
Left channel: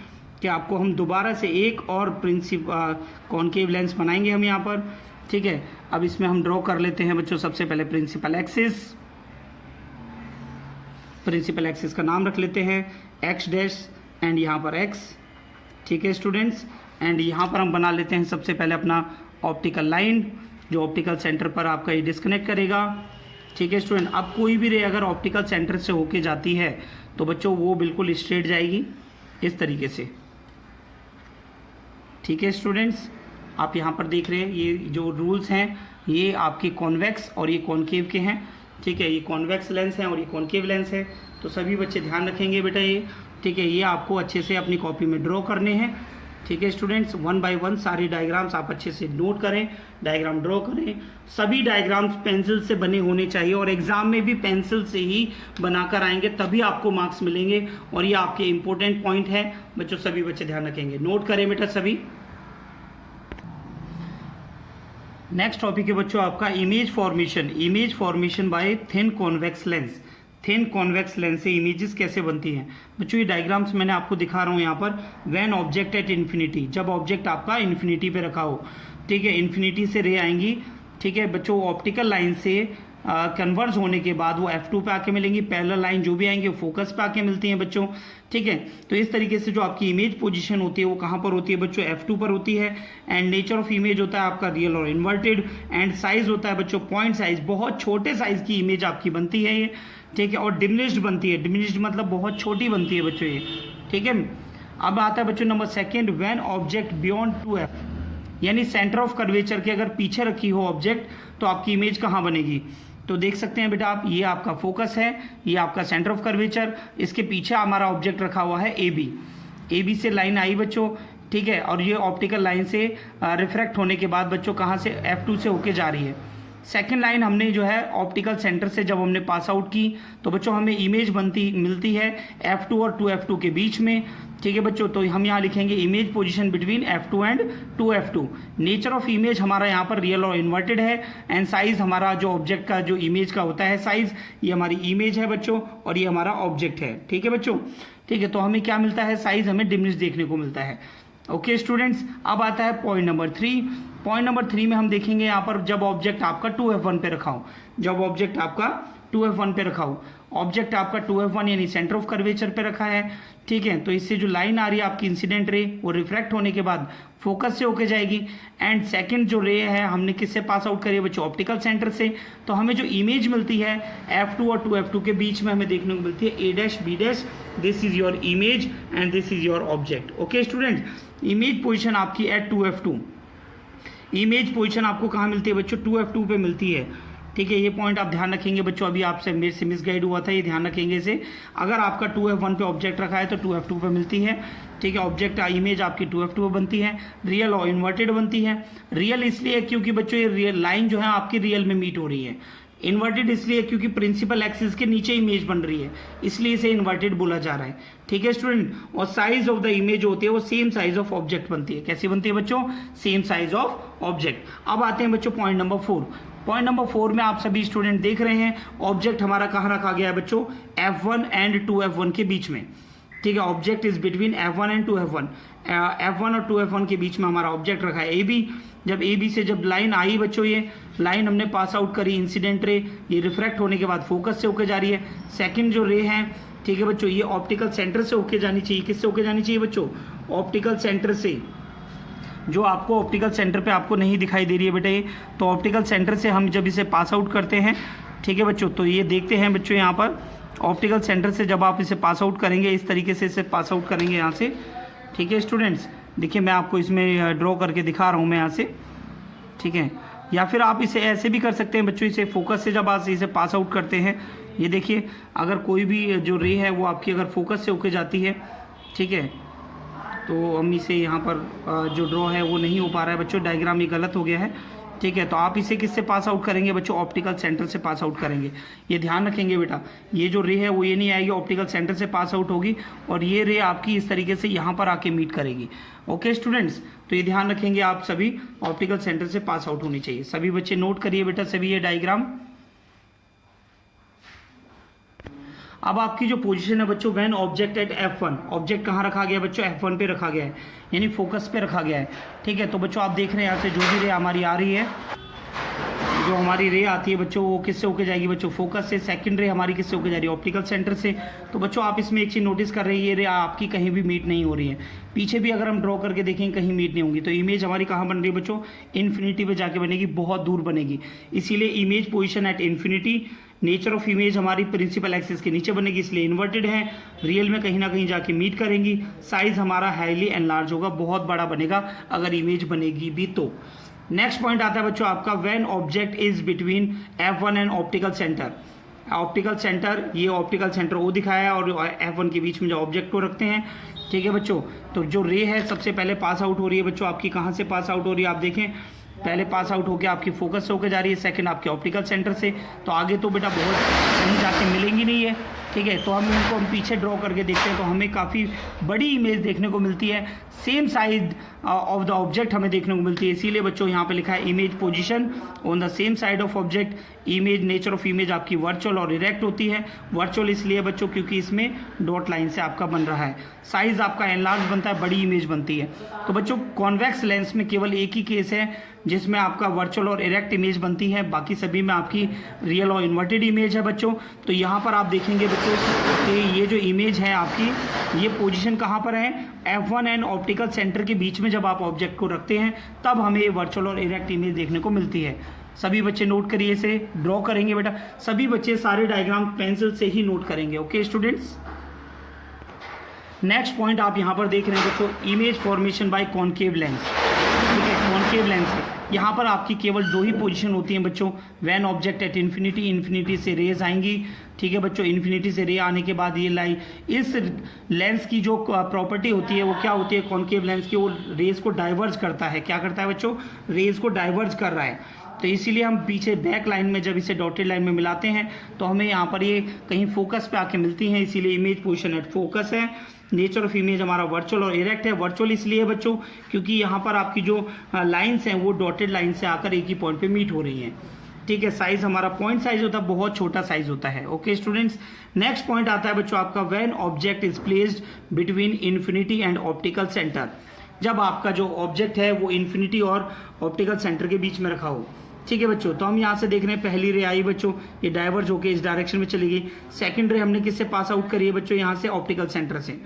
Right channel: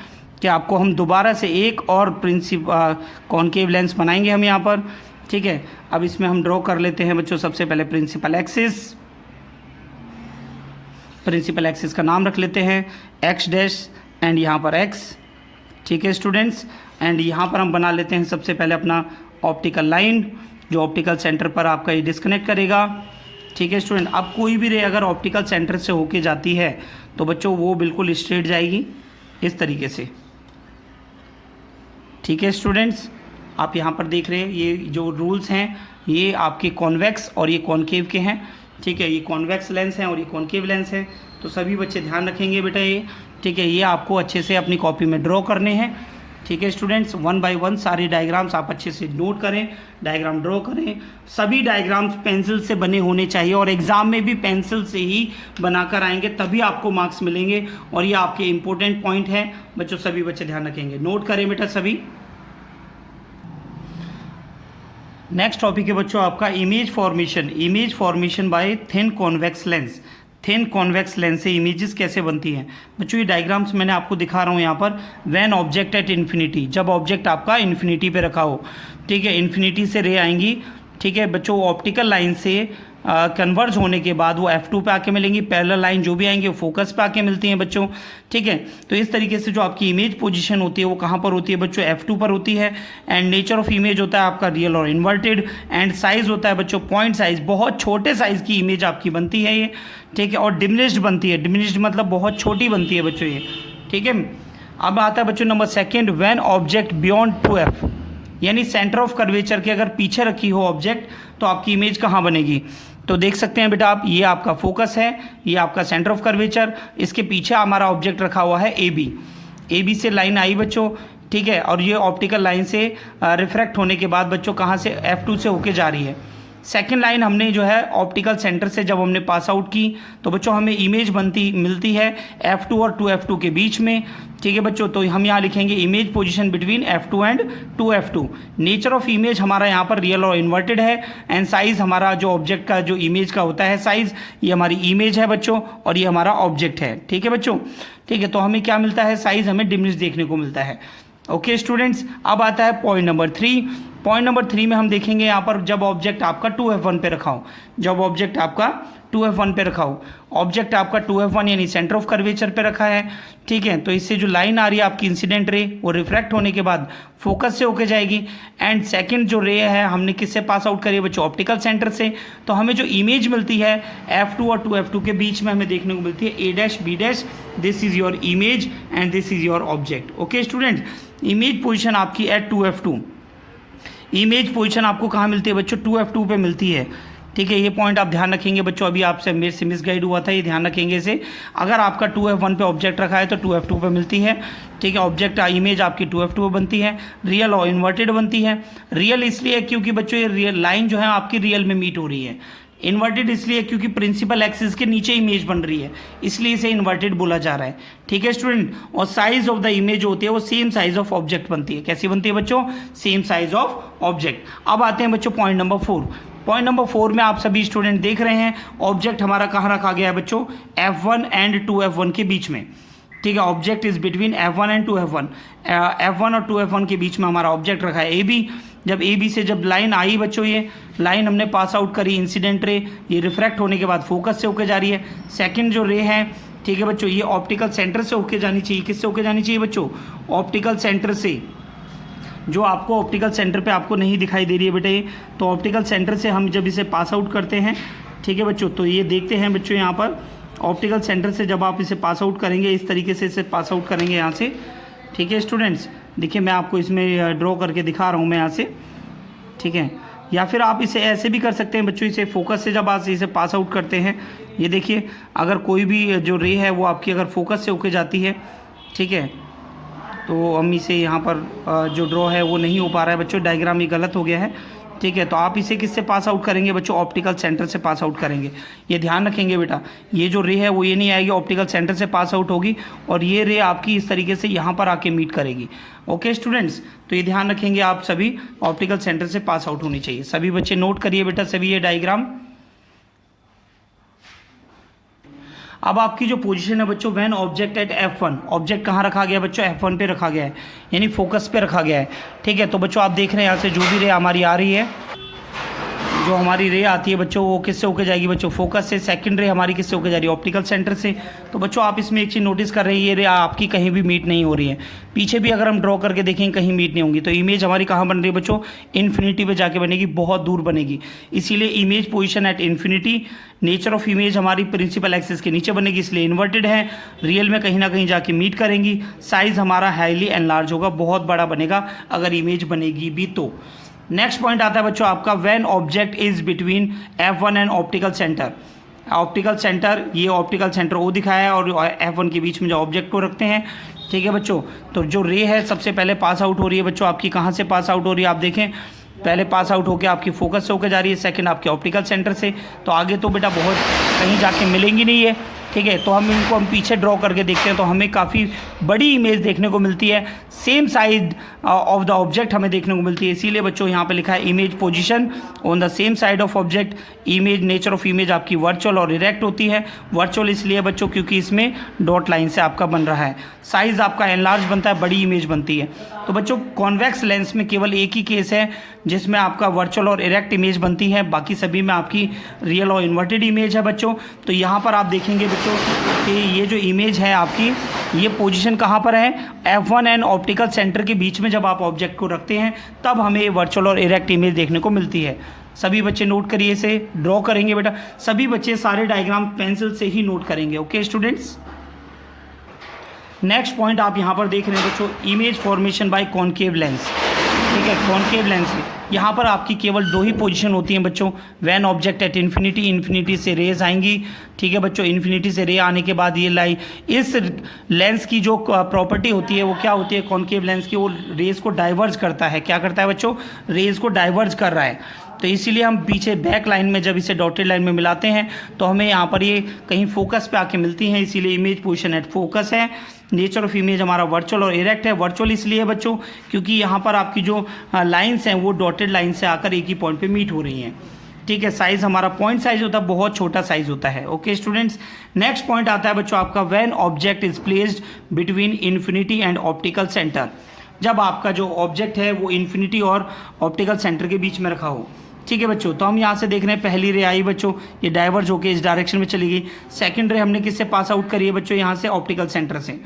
कि आपको हम दोबारा से एक और कॉनकेव लेंस बनाएंगे हम यहाँ पर। ठीक है, अब इसमें हम ड्रॉ कर लेते हैं बच्चों सबसे पहले प्रिंसिपल एक्सिस। प्रिंसिपल एक्सिस का नाम रख लेते हैं एक्स डैश एंड यहाँ पर एक्स। ठीक है स्टूडेंट्स, एंड यहाँ पर हम बना लेते हैं सबसे पहले अपना ऑप्टिकल लाइन जो ऑप्टिकल सेंटर पर आपका ये डिस्कनेक्ट करेगा। ठीक है स्टूडेंट, अब कोई भी रे अगर ऑप्टिकल सेंटर से होके जाती है तो बच्चों वो बिल्कुल स्ट्रेट जाएगी इस तरीके से। ठीक है स्टूडेंट्स, आप यहाँ पर देख रहे हैं ये जो रूल्स हैं ये आपके कॉन्वेक्स और ये कॉनकेव के हैं। ठीक है, ये कॉन्वेक्स लेंस हैं और ये कॉनकेव लेंस हैं, तो सभी बच्चे ध्यान रखेंगे बेटा ये। ठीक है, ये आपको अच्छे से अपनी कॉपी में ड्रॉ करने हैं। ठीक है स्टूडेंट्स, 1 बाय 1 सारे डायग्राम्स आप अच्छे से नोट करें, डायग्राम ड्रॉ करें। सभी डायग्राम्स पेंसिल से बने होने चाहिए और एग्जाम में भी पेंसिल से ही बनाकर आएंगे, तभी आपको मार्क्स मिलेंगे और ये आपके इंपॉर्टेंट पॉइंट हैं बच्चों। सभी बच्चे ध्यान रखेंगे, नोट करें बेटा सभी। नेक्स्ट टॉपिक है बच्चों आपका image formation by thin convex lens. Thin convex lens से इमेजेस कैसे बनती हैं बच्चों, ये डायग्राम्स मैंने आपको दिखा रहा हूँ यहाँ पर। व्हेन ऑब्जेक्ट एट इन्फिनिटी, जब ऑब्जेक्ट आपका इन्फिनिटी पे रखा हो। ठीक है, इन्फिनिटी से रे आएंगी। ठीक है बच्चों, ऑप्टिकल लाइन से कन्वर्ज होने के बाद वो F2 पे आके मिलेंगी। पैरेलल लाइन जो भी आएंगे वो फोकस पे आके मिलती हैं बच्चों। ठीक है, तो इस तरीके से जो आपकी इमेज पोजीशन होती है वो कहाँ पर होती है बच्चों, F2 पर होती है। एंड नेचर ऑफ इमेज होता है आपका रियल और इन्वर्टेड। एंड साइज होता है बच्चों पॉइंट साइज, बहुत छोटे साइज की इमेज आपकी बनती है ये। ठीक है, और डिमिनिश्ड बनती है। डिमिनिश्ड मतलब बहुत छोटी बनती है बच्चों ये। ठीक है, अब आता है बच्चों number 2, when object beyond 2F, यानी सेंटर ऑफ कर्वेचर के अगर पीछे रखी हो ऑब्जेक्ट तो आपकी इमेज कहाँ बनेगी। तो देख सकते हैं बेटा आप, ये आपका फोकस है, ये आपका सेंटर ऑफ कर्वेचर, इसके पीछे हमारा ऑब्जेक्ट रखा हुआ है AB से लाइन आई बच्चों। ठीक है, और ये ऑप्टिकल लाइन से रिफ्रैक्ट होने के बाद बच्चों कहाँ से, F2 से होके जा रही है। सेकेंड लाइन हमने जो है ऑप्टिकल सेंटर से जब हमने पास आउट की तो बच्चों हमें इमेज मिलती है F2 और 2F2 के बीच में। ठीक है बच्चों, तो हम यहाँ लिखेंगे image position between F2 and 2F2। Nature of image हमारा यहाँ पर रियल और इन्वर्टेड है। एंड साइज हमारा जो ऑब्जेक्ट का जो इमेज का होता है साइज, ये हमारी इमेज है बच्चों और ये हमारा ऑब्जेक्ट है। ठीक है बच्चों, ठीक है, तो हमें क्या मिलता है, साइज हमें डिमिनिश देखने को मिलता है। ओके स्टूडेंट्स, अब आता है पॉइंट नंबर 3। पॉइंट नंबर 3 में हम देखेंगे यहाँ पर जब ऑब्जेक्ट आपका 2F1 पे रखा हो, जब ऑब्जेक्ट आपका 2f1 पे रखा हो, ऑब्जेक्ट आपका 2f1 यानी सेंटर ऑफ कर्वेचर पे रखा है, ठीक है। तो इससे जो लाइन आ रही है आपकी इंसिडेंट रे, वो रिफ्रैक्ट होने के बाद फोकस से होके जाएगी। एंड सेकंड जो रे है हमने किससे पास आउट करी है बच्चों, ऑप्टिकल सेंटर से। तो हमें जो इमेज मिलती है f2 और 2f2 के बीच में हमें देखने को मिलती है a' b', this is your image and this is your object. Okay student, image position आपकी एट 2f2, इमेज पोजीशन आपको कहाँ मिलती है बच्चों, 2f2 पे मिलती है, ठीक है। ये पॉइंट आप ध्यान रखेंगे बच्चों, अभी आपसे मेरे से मिस गाइड हुआ था, ये ध्यान रखेंगे इसे। अगर आपका 2f1 पे ऑब्जेक्ट रखा है तो 2f2 पे मिलती है, ठीक है। ऑब्जेक्ट इमेज आपकी 2f2 पे बनती है, रियल और इन्वर्टेड बनती है। रियल इसलिए क्योंकि बच्चों ये रियल लाइन जो है आपकी रियल में मीट हो रही है। इन्वर्टेड इसलिए क्योंकि प्रिंसिपल एक्सिस के नीचे इमेज बन रही है, इसलिए इसे इन्वर्टेड बोला जा रहा है, ठीक है स्टूडेंट। और साइज ऑफ द इमेज होती है वो सेम साइज ऑफ ऑब्जेक्ट बनती है। कैसी बनती है बच्चों, सेम साइज ऑफ ऑब्जेक्ट। अब आते हैं बच्चों पॉइंट नंबर 4। पॉइंट नंबर 4 में आप सभी स्टूडेंट देख रहे हैं ऑब्जेक्ट हमारा कहाँ रखा गया है बच्चों, f1 एंड 2f1 के बीच में, ठीक है। Object is between f1 and 2f1, f1 और 2f1 के बीच में हमारा ऑब्जेक्ट रखा है ab। जब ab से जब लाइन आई बच्चों, ये लाइन हमने पास आउट करी, इंसिडेंट रे, ये रिफ्रैक्ट होने के बाद फोकस से होकर जा रही है। सेकंड जो रे है, ठीक है बच्चों, ये ऑप्टिकल सेंटर से होके जानी चाहिए। किससे होके जानी चाहिए बच्चों, ऑप्टिकल सेंटर से। जो आपको ऑप्टिकल सेंटर पे आपको नहीं दिखाई दे रही है बेटा ये, तो ऑप्टिकल सेंटर से हम जब इसे पास आउट करते हैं, ठीक है बच्चों, तो ये देखते हैं बच्चों यहाँ पर ऑप्टिकल सेंटर से जब आप इसे पास आउट करेंगे, इस तरीके से इसे पास आउट करेंगे यहाँ से, ठीक है स्टूडेंट्स। देखिए मैं आपको इसमें ड्रॉ करके दिखा रहा हूँ मैं यहाँ से, ठीक है। या फिर आप इसे ऐसे भी कर सकते हैं बच्चों, इसे फोकस से जब आप इसे पास आउट करते हैं, ये देखिए अगर कोई भी जो रे है वो आपकी अगर फोकस से होके जाती है, ठीक है, तो हम इसे यहाँ पर जो ड्रॉ है वो नहीं हो पा रहा है बच्चों, डायग्राम ये गलत हो गया है, ठीक है। तो आप इसे किससे पास आउट करेंगे बच्चों, ऑप्टिकल सेंटर से पास आउट करेंगे। ये ध्यान रखेंगे बेटा, ये जो रे है वो ये नहीं आएगी, ऑप्टिकल सेंटर से पास आउट होगी और ये रे आपकी इस तरीके से यहाँ पर आके मीट करेगी। ओके स्टूडेंट्स, तो ये ध्यान रखेंगे आप सभी, ऑप्टिकल सेंटर से पास आउट होनी चाहिए। सभी बच्चे नोट करिए बेटा सभी ये डायग्राम। अब आपकी जो पोजीशन है बच्चों, when object at f1, object कहाँ रखा गया बच्चों, f1 पे रखा गया है, यानी फोकस पे रखा गया है, ठीक है। तो बच्चों आप देख रहे हैं यहाँ से जो भी रे हमारी आ रही है, जो हमारी रे आती है बच्चों, वो किससे होके जाएगी बच्चों, फोकस से। सेकंड रे हमारी किससे होके जा रही है, ऑप्टिकल सेंटर से। तो बच्चों आप इसमें एक चीज़ नोटिस कर रहे हैं, ये रे आपकी कहीं भी मीट नहीं हो रही है। पीछे भी अगर हम ड्रॉ करके देखेंगे कहीं मीट नहीं होंगी। तो इमेज हमारी कहाँ बन रही है बच्चों, इन्फिनिटी पे जाके बनेगी, बहुत दूर बनेगी। इसीलिए image position at infinity, nature of image हमारी प्रिंसिपल एक्सिस के नीचे बनेगी, इसलिए इन्वर्टेड है। रियल में कहीं ना कहीं जाके मीट करेंगी। साइज हमारा हाईली एनलार्ज होगा, बहुत बड़ा बनेगा अगर इमेज बनेगी भी तो। नेक्स्ट पॉइंट आता है बच्चों आपका, when object is between f1 and optical centre. Optical centre, ये ऑप्टिकल सेंटर ओ दिखाया है और f1 के बीच में जो ऑब्जेक्ट को रखते हैं, ठीक है बच्चों। तो जो रे है सबसे पहले पास आउट हो रही है बच्चों आपकी, कहाँ से पास आउट हो रही है आप देखें, पहले पास आउट होकर आपकी फोकस से होकर जा रही है, सेकंड आपके ऑप्टिकल सेंटर से। तो आगे तो बेटा बहुत कहीं जाके मिलेंगी नहीं है, ठीक है। तो हम इनको पीछे ड्रॉ करके देखते हैं तो हमें काफ़ी बड़ी इमेज देखने को मिलती है, same side of the object हमें देखने को मिलती है। इसीलिए बच्चों यहाँ पे लिखा है image position on the same side of object. Image, nature of image आपकी वर्चुअल और इरेक्ट होती है। वर्चुअल इसलिए बच्चों क्योंकि इसमें डॉट लाइन से आपका बन रहा है। साइज आपका एनलार्ज बनता है, बड़ी इमेज बनती है। तो बच्चों कॉन्वेक्स लेंस में केवल एक ही केस है जिसमें आपका वर्चुअल और इरेक्ट इमेज बनती है, बाकी सभी में आपकी रियल और इन्वर्टेड इमेज है बच्चों। तो यहाँ पर आप देखेंगे बच्चों कि ये जो इमेज है आपकी, ये पोजीशन कहाँ पर है, f1 एंड ऑप्टिकल सेंटर के बीच में जब आप ऑब्जेक्ट को रखते हैं तब हमें वर्चुअल और इरेक्ट इमेज देखने को मिलती है। सभी बच्चे नोट करिए, इसे ड्रॉ करेंगे बेटा, सभी बच्चे सारे डायग्राम पेंसिल से ही नोट करेंगे। ओके स्टूडेंट्स, नेक्स्ट पॉइंट आप यहाँ पर देख रहे हैं बच्चों, image formation by concave lens, ठीक है। कॉनकेव लेंस यहाँ पर आपकी केवल दो ही पोजीशन होती हैं बच्चों, when object at infinity, infinity से रेज आएंगी, ठीक है बच्चों। इन्फिनिटी से रे आने के बाद ये लाई, इस लेंस की जो प्रॉपर्टी होती है वो क्या होती है कॉनकेव लेंस की, वो रेज को डाइवर्ज करता है। क्या करता है बच्चों, रेज को डाइवर्ज कर रहा है। तो इसीलिए हम पीछे बैक लाइन में जब इसे डॉटेड लाइन में मिलाते हैं तो हमें यहाँ पर ये कहीं फोकस पे आके मिलती हैं, इसीलिए इमेज पोजीशन एट फोकस है। नेचर ऑफ इमेज हमारा वर्चुअल और इरेक्ट है। वर्चुअल इसलिए बच्चों क्योंकि यहाँ पर आपकी जो लाइंस हैं वो डॉटेड लाइन से आकर एक ही पॉइंट पे मीट हो रही हैं, ठीक है। साइज हमारा पॉइंट साइज होता है, बहुत छोटा साइज होता है। ओके स्टूडेंट्स, नेक्स्ट पॉइंट आता है बच्चों आपका, when object is placed between infinity and optical centre. जब आपका जो ऑब्जेक्ट है वो इन्फिनिटी और ऑप्टिकल सेंटर के बीच में रखा हो, ठीक है बच्चों, तो हम यहाँ से देख रहे हैं पहली रे आई बच्चों, ये डाइवर्ज होके इस डायरेक्शन में चली गई। सेकंड रे हमने किससे पास आउट करी है बच्चों, यहाँ से ऑप्टिकल सेंटर से।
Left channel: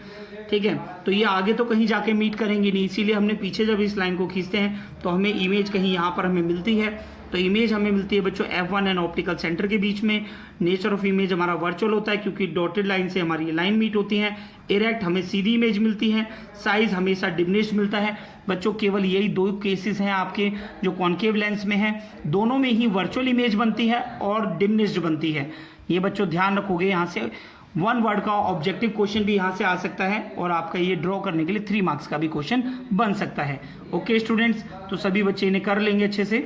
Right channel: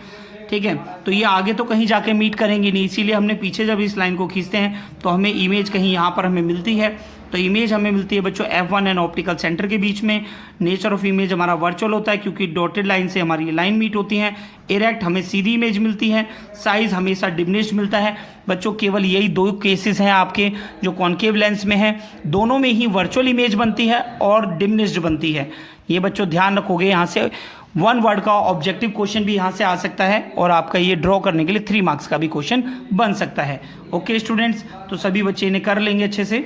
ठीक है, तो ये आगे तो कहीं जाके मीट करेंगे नहीं, इसीलिए हमने पीछे जब इस लाइन को खींचते हैं तो हमें इमेज कहीं यहाँ पर हमें मिलती है। तो इमेज हमें मिलती है बच्चों F1 एंड ऑप्टिकल सेंटर के बीच में। नेचर ऑफ इमेज हमारा वर्चुअल होता है क्योंकि डॉटेड लाइन से हमारी लाइन मीट होती हैं। इरेक्ट हमें सीधी इमेज मिलती है। साइज हमेशा डिमिनिश्ड मिलता है बच्चों। केवल यही दो केसेस हैं आपके जो कॉन्केव लेंस में है, दोनों में ही वर्चुअल इमेज बनती है और डिमिनिश्ड बनती है। ये बच्चों ध्यान रखोगे, यहाँ से 1 वर्ड का ऑब्जेक्टिव क्वेश्चन भी यहाँ से आ सकता है और आपका ये ड्रॉ करने के लिए 3 मार्क्स का भी क्वेश्चन बन सकता है। ओके स्टूडेंट्स, तो सभी बच्चे इन्हें कर लेंगे अच्छे से।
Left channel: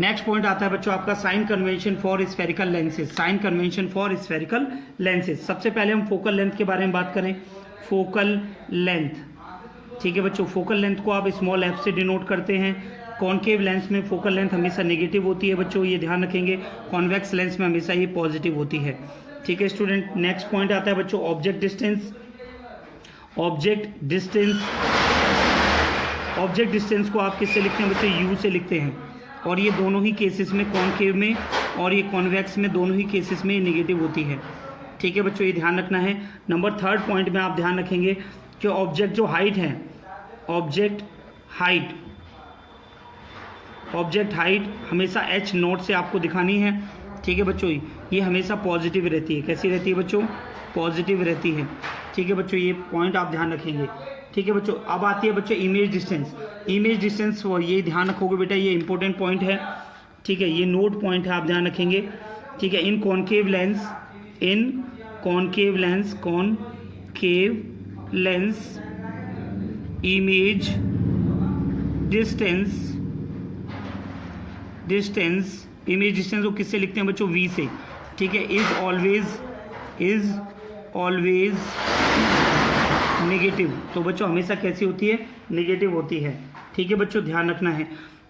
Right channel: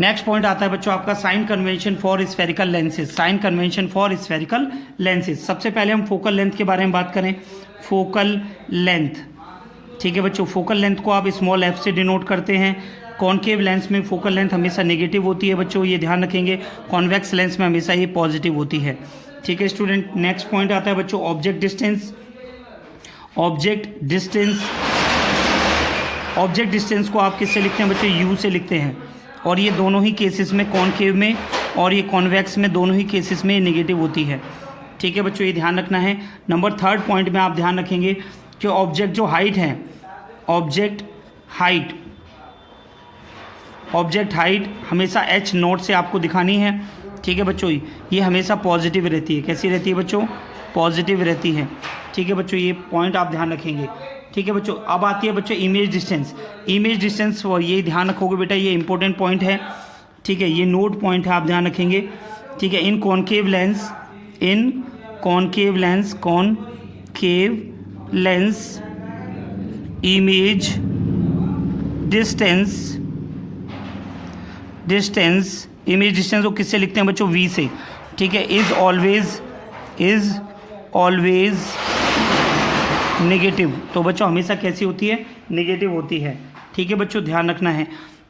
नेक्स्ट पॉइंट आता है बच्चों आपका sign convention for spherical lenses. Sign convention for spherical lenses, सबसे पहले हम फोकल लेंथ के बारे में बात करें। फोकल लेंथ, ठीक है बच्चों, फोकल लेंथ को आप स्मॉल f से डिनोट करते हैं। कॉनकेव लेंस में फोकल लेंथ हमेशा नेगेटिव होती है बच्चों, ये ध्यान रखेंगे। कॉन्वेक्स लेंस में हमेशा ये पॉजिटिव होती है। ठीक है स्टूडेंट, नेक्स्ट पॉइंट आता है बच्चों ऑब्जेक्ट डिस्टेंस। ऑब्जेक्ट डिस्टेंस को आप किससे लिखते हैं बच्चों, u से लिखते हैं। और ये दोनों ही केसेस में, कॉनकेव में और ये कॉन्वेक्स में, दोनों ही केसेस में नेगेटिव होती है। ठीक है बच्चों, ये ध्यान रखना है। नंबर 3 पॉइंट में आप ध्यान रखेंगे कि ऑब्जेक्ट जो हाइट है, ऑब्जेक्ट हाइट हमेशा h0 से आपको दिखानी है। ठीक है बच्चों, ये हमेशा पॉजिटिव रहती है। कैसी रहती है बच्चों, पॉजिटिव रहती है। ठीक है बच्चों, ये पॉइंट आप ध्यान रखेंगे। ठीक है बच्चों, अब आती है बच्चों इमेज डिस्टेंस। इमेज डिस्टेंस ये ध्यान रखोगे बेटा, ये इंपॉर्टेंट पॉइंट है। ठीक है, ये नोट पॉइंट है, आप ध्यान रखेंगे। ठीक है, इन कॉनकेव लेंस इमेज डिस्टेंस को किससे लिखते हैं बच्चों, v से। ठीक है, इज ऑलवेज नेगेटिव। तो बच्चों हमेशा कैसी होती है, नेगेटिव होती है। ठीक है बच्चों, ध्यान रखना है।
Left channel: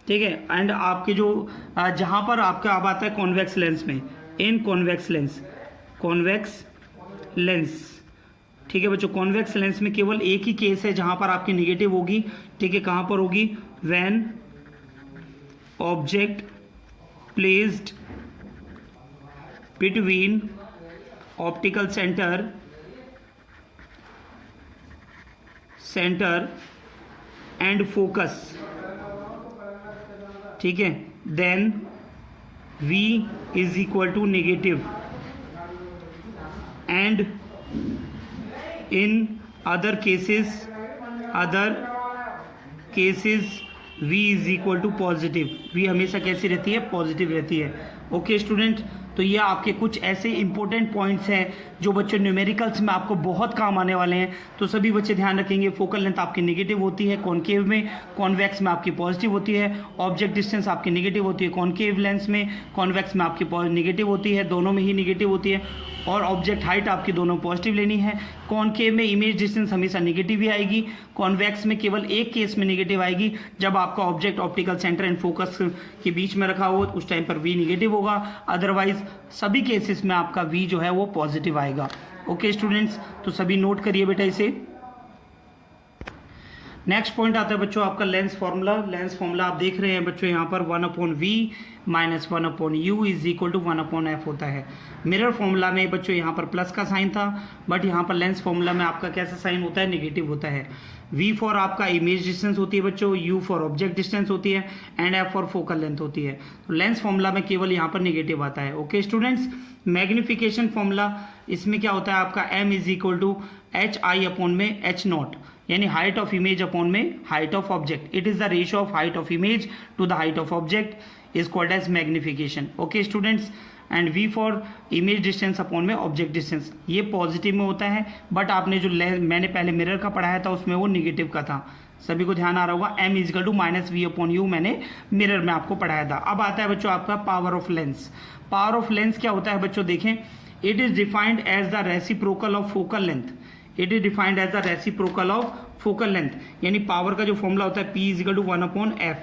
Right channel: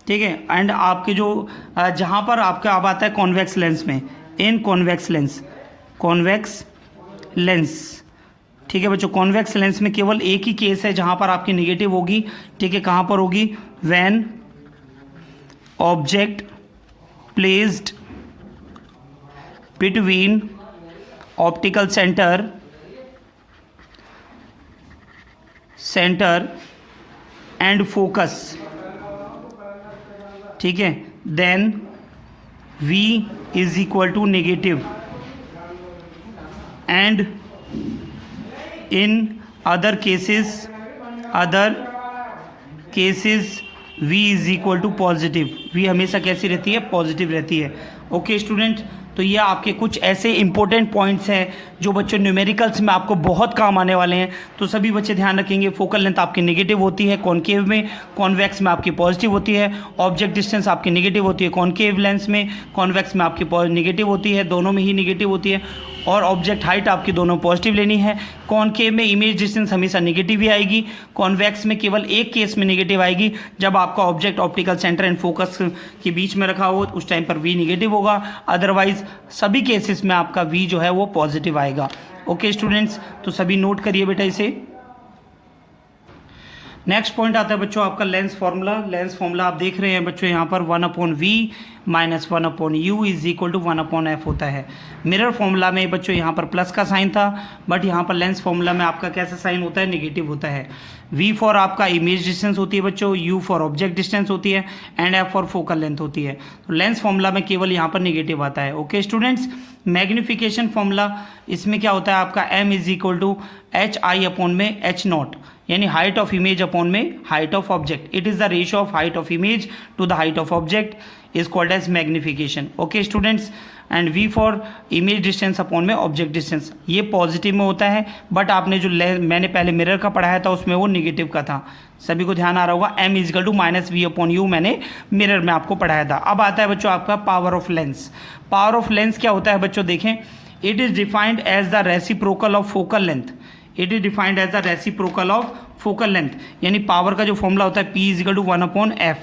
ठीक है, एंड आपके जो जहाँ पर आपका अब आता है कॉन्वेक्स लेंस में, इन कॉन्वेक्स लेंस। ठीक है बच्चों, कॉन्वेक्स लेंस में केवल एक ही केस है जहाँ पर आपकी नेगेटिव होगी। ठीक है, कहाँ पर होगी, when object placed between optical centre and focus. ठीक है, then v is equal to negative and in other cases v is equal to positive. v हमेशा कैसी रहती है, पॉजिटिव रहती है। ओके स्टूडेंट, तो ये आपके कुछ ऐसे इंपॉर्टेंट पॉइंट्स हैं जो बच्चों न्यूमेरिकल्स में आपको बहुत काम आने वाले हैं। तो सभी बच्चे ध्यान रखेंगे, फोकल लेंथ आपकी नेगेटिव होती है कॉनकेव में, कॉन्वेक्स में आपकी पॉजिटिव होती है। ऑब्जेक्ट डिस्टेंस आपकी नेगेटिव होती है कॉनकेव लेंस में, कॉन्वेक्स में आपकी नेगेटिव होती है, दोनों में ही नेगेटिव होती है। और ऑब्जेक्ट हाइट आपकी दोनों पॉजिटिव लेनी है। कॉनकेव में इमेज डिस्टेंस हमेशा नेगेटिव ही आएगी। कॉन्वेक्स में केवल एक केस में नेगेटिव आएगी, जब आपका object optical centre and focus के बीच में रखा हो उस टाइम पर v नेगेटिव होगा। अदरवाइज सभी केसेस में आपका v जो है वो पॉजिटिव आएगा। ओके स्टूडेंट्स, तो सभी नोट करिए बेटा इसे। नेक्स्ट पॉइंट आता है बच्चों आपका लेंस फॉर्मूला। लेंस फॉर्मूला आप देख रहे हैं बच्चों यहाँ पर 1/v minus 1/u is equal to 1/f होता है। मिरर फॉर्मूला में बच्चों यहाँ पर प्लस का साइन था, बट यहाँ पर लेंस फॉर्मूला में आपका कैसा साइन होता है, नेगेटिव होता है। v फॉर आपका इमेज डिस्टेंस होती है बच्चों, u फॉर ऑब्जेक्ट डिस्टेंस होती है and f for focal length होती है। तो लेंस फॉर्मूला में केवल यहाँ पर नेगेटिव आता है। ओके स्टूडेंट्स, मैग्निफिकेशन फॉर्मूला इसमें क्या होता है आपका, m is equal to hi upon में h0, यानी हाइट ऑफ इमेज अपॉन में height of object. It is the ratio of height of image to the height of object is called as magnification. Okay students, and v for image distance upon में ऑब्जेक्ट डिस्टेंस, ये पॉजिटिव में होता है, बट आपने जो मैंने पहले मिरर का पढ़ाया था उसमें वो नेगेटिव का था। सभी को ध्यान आ रहा होगा। m is equal to minus V upon U मैंने मिरर में आपको पढ़ाया था। अब आता है बच्चों आपका power of lens. Power of lens क्या होता है बच्चों, देखें, it is defined as the reciprocal of focal length. It is defined as the reciprocal of focal length, यानी पावर का जो फॉर्मूला होता है P is equal to 1/f।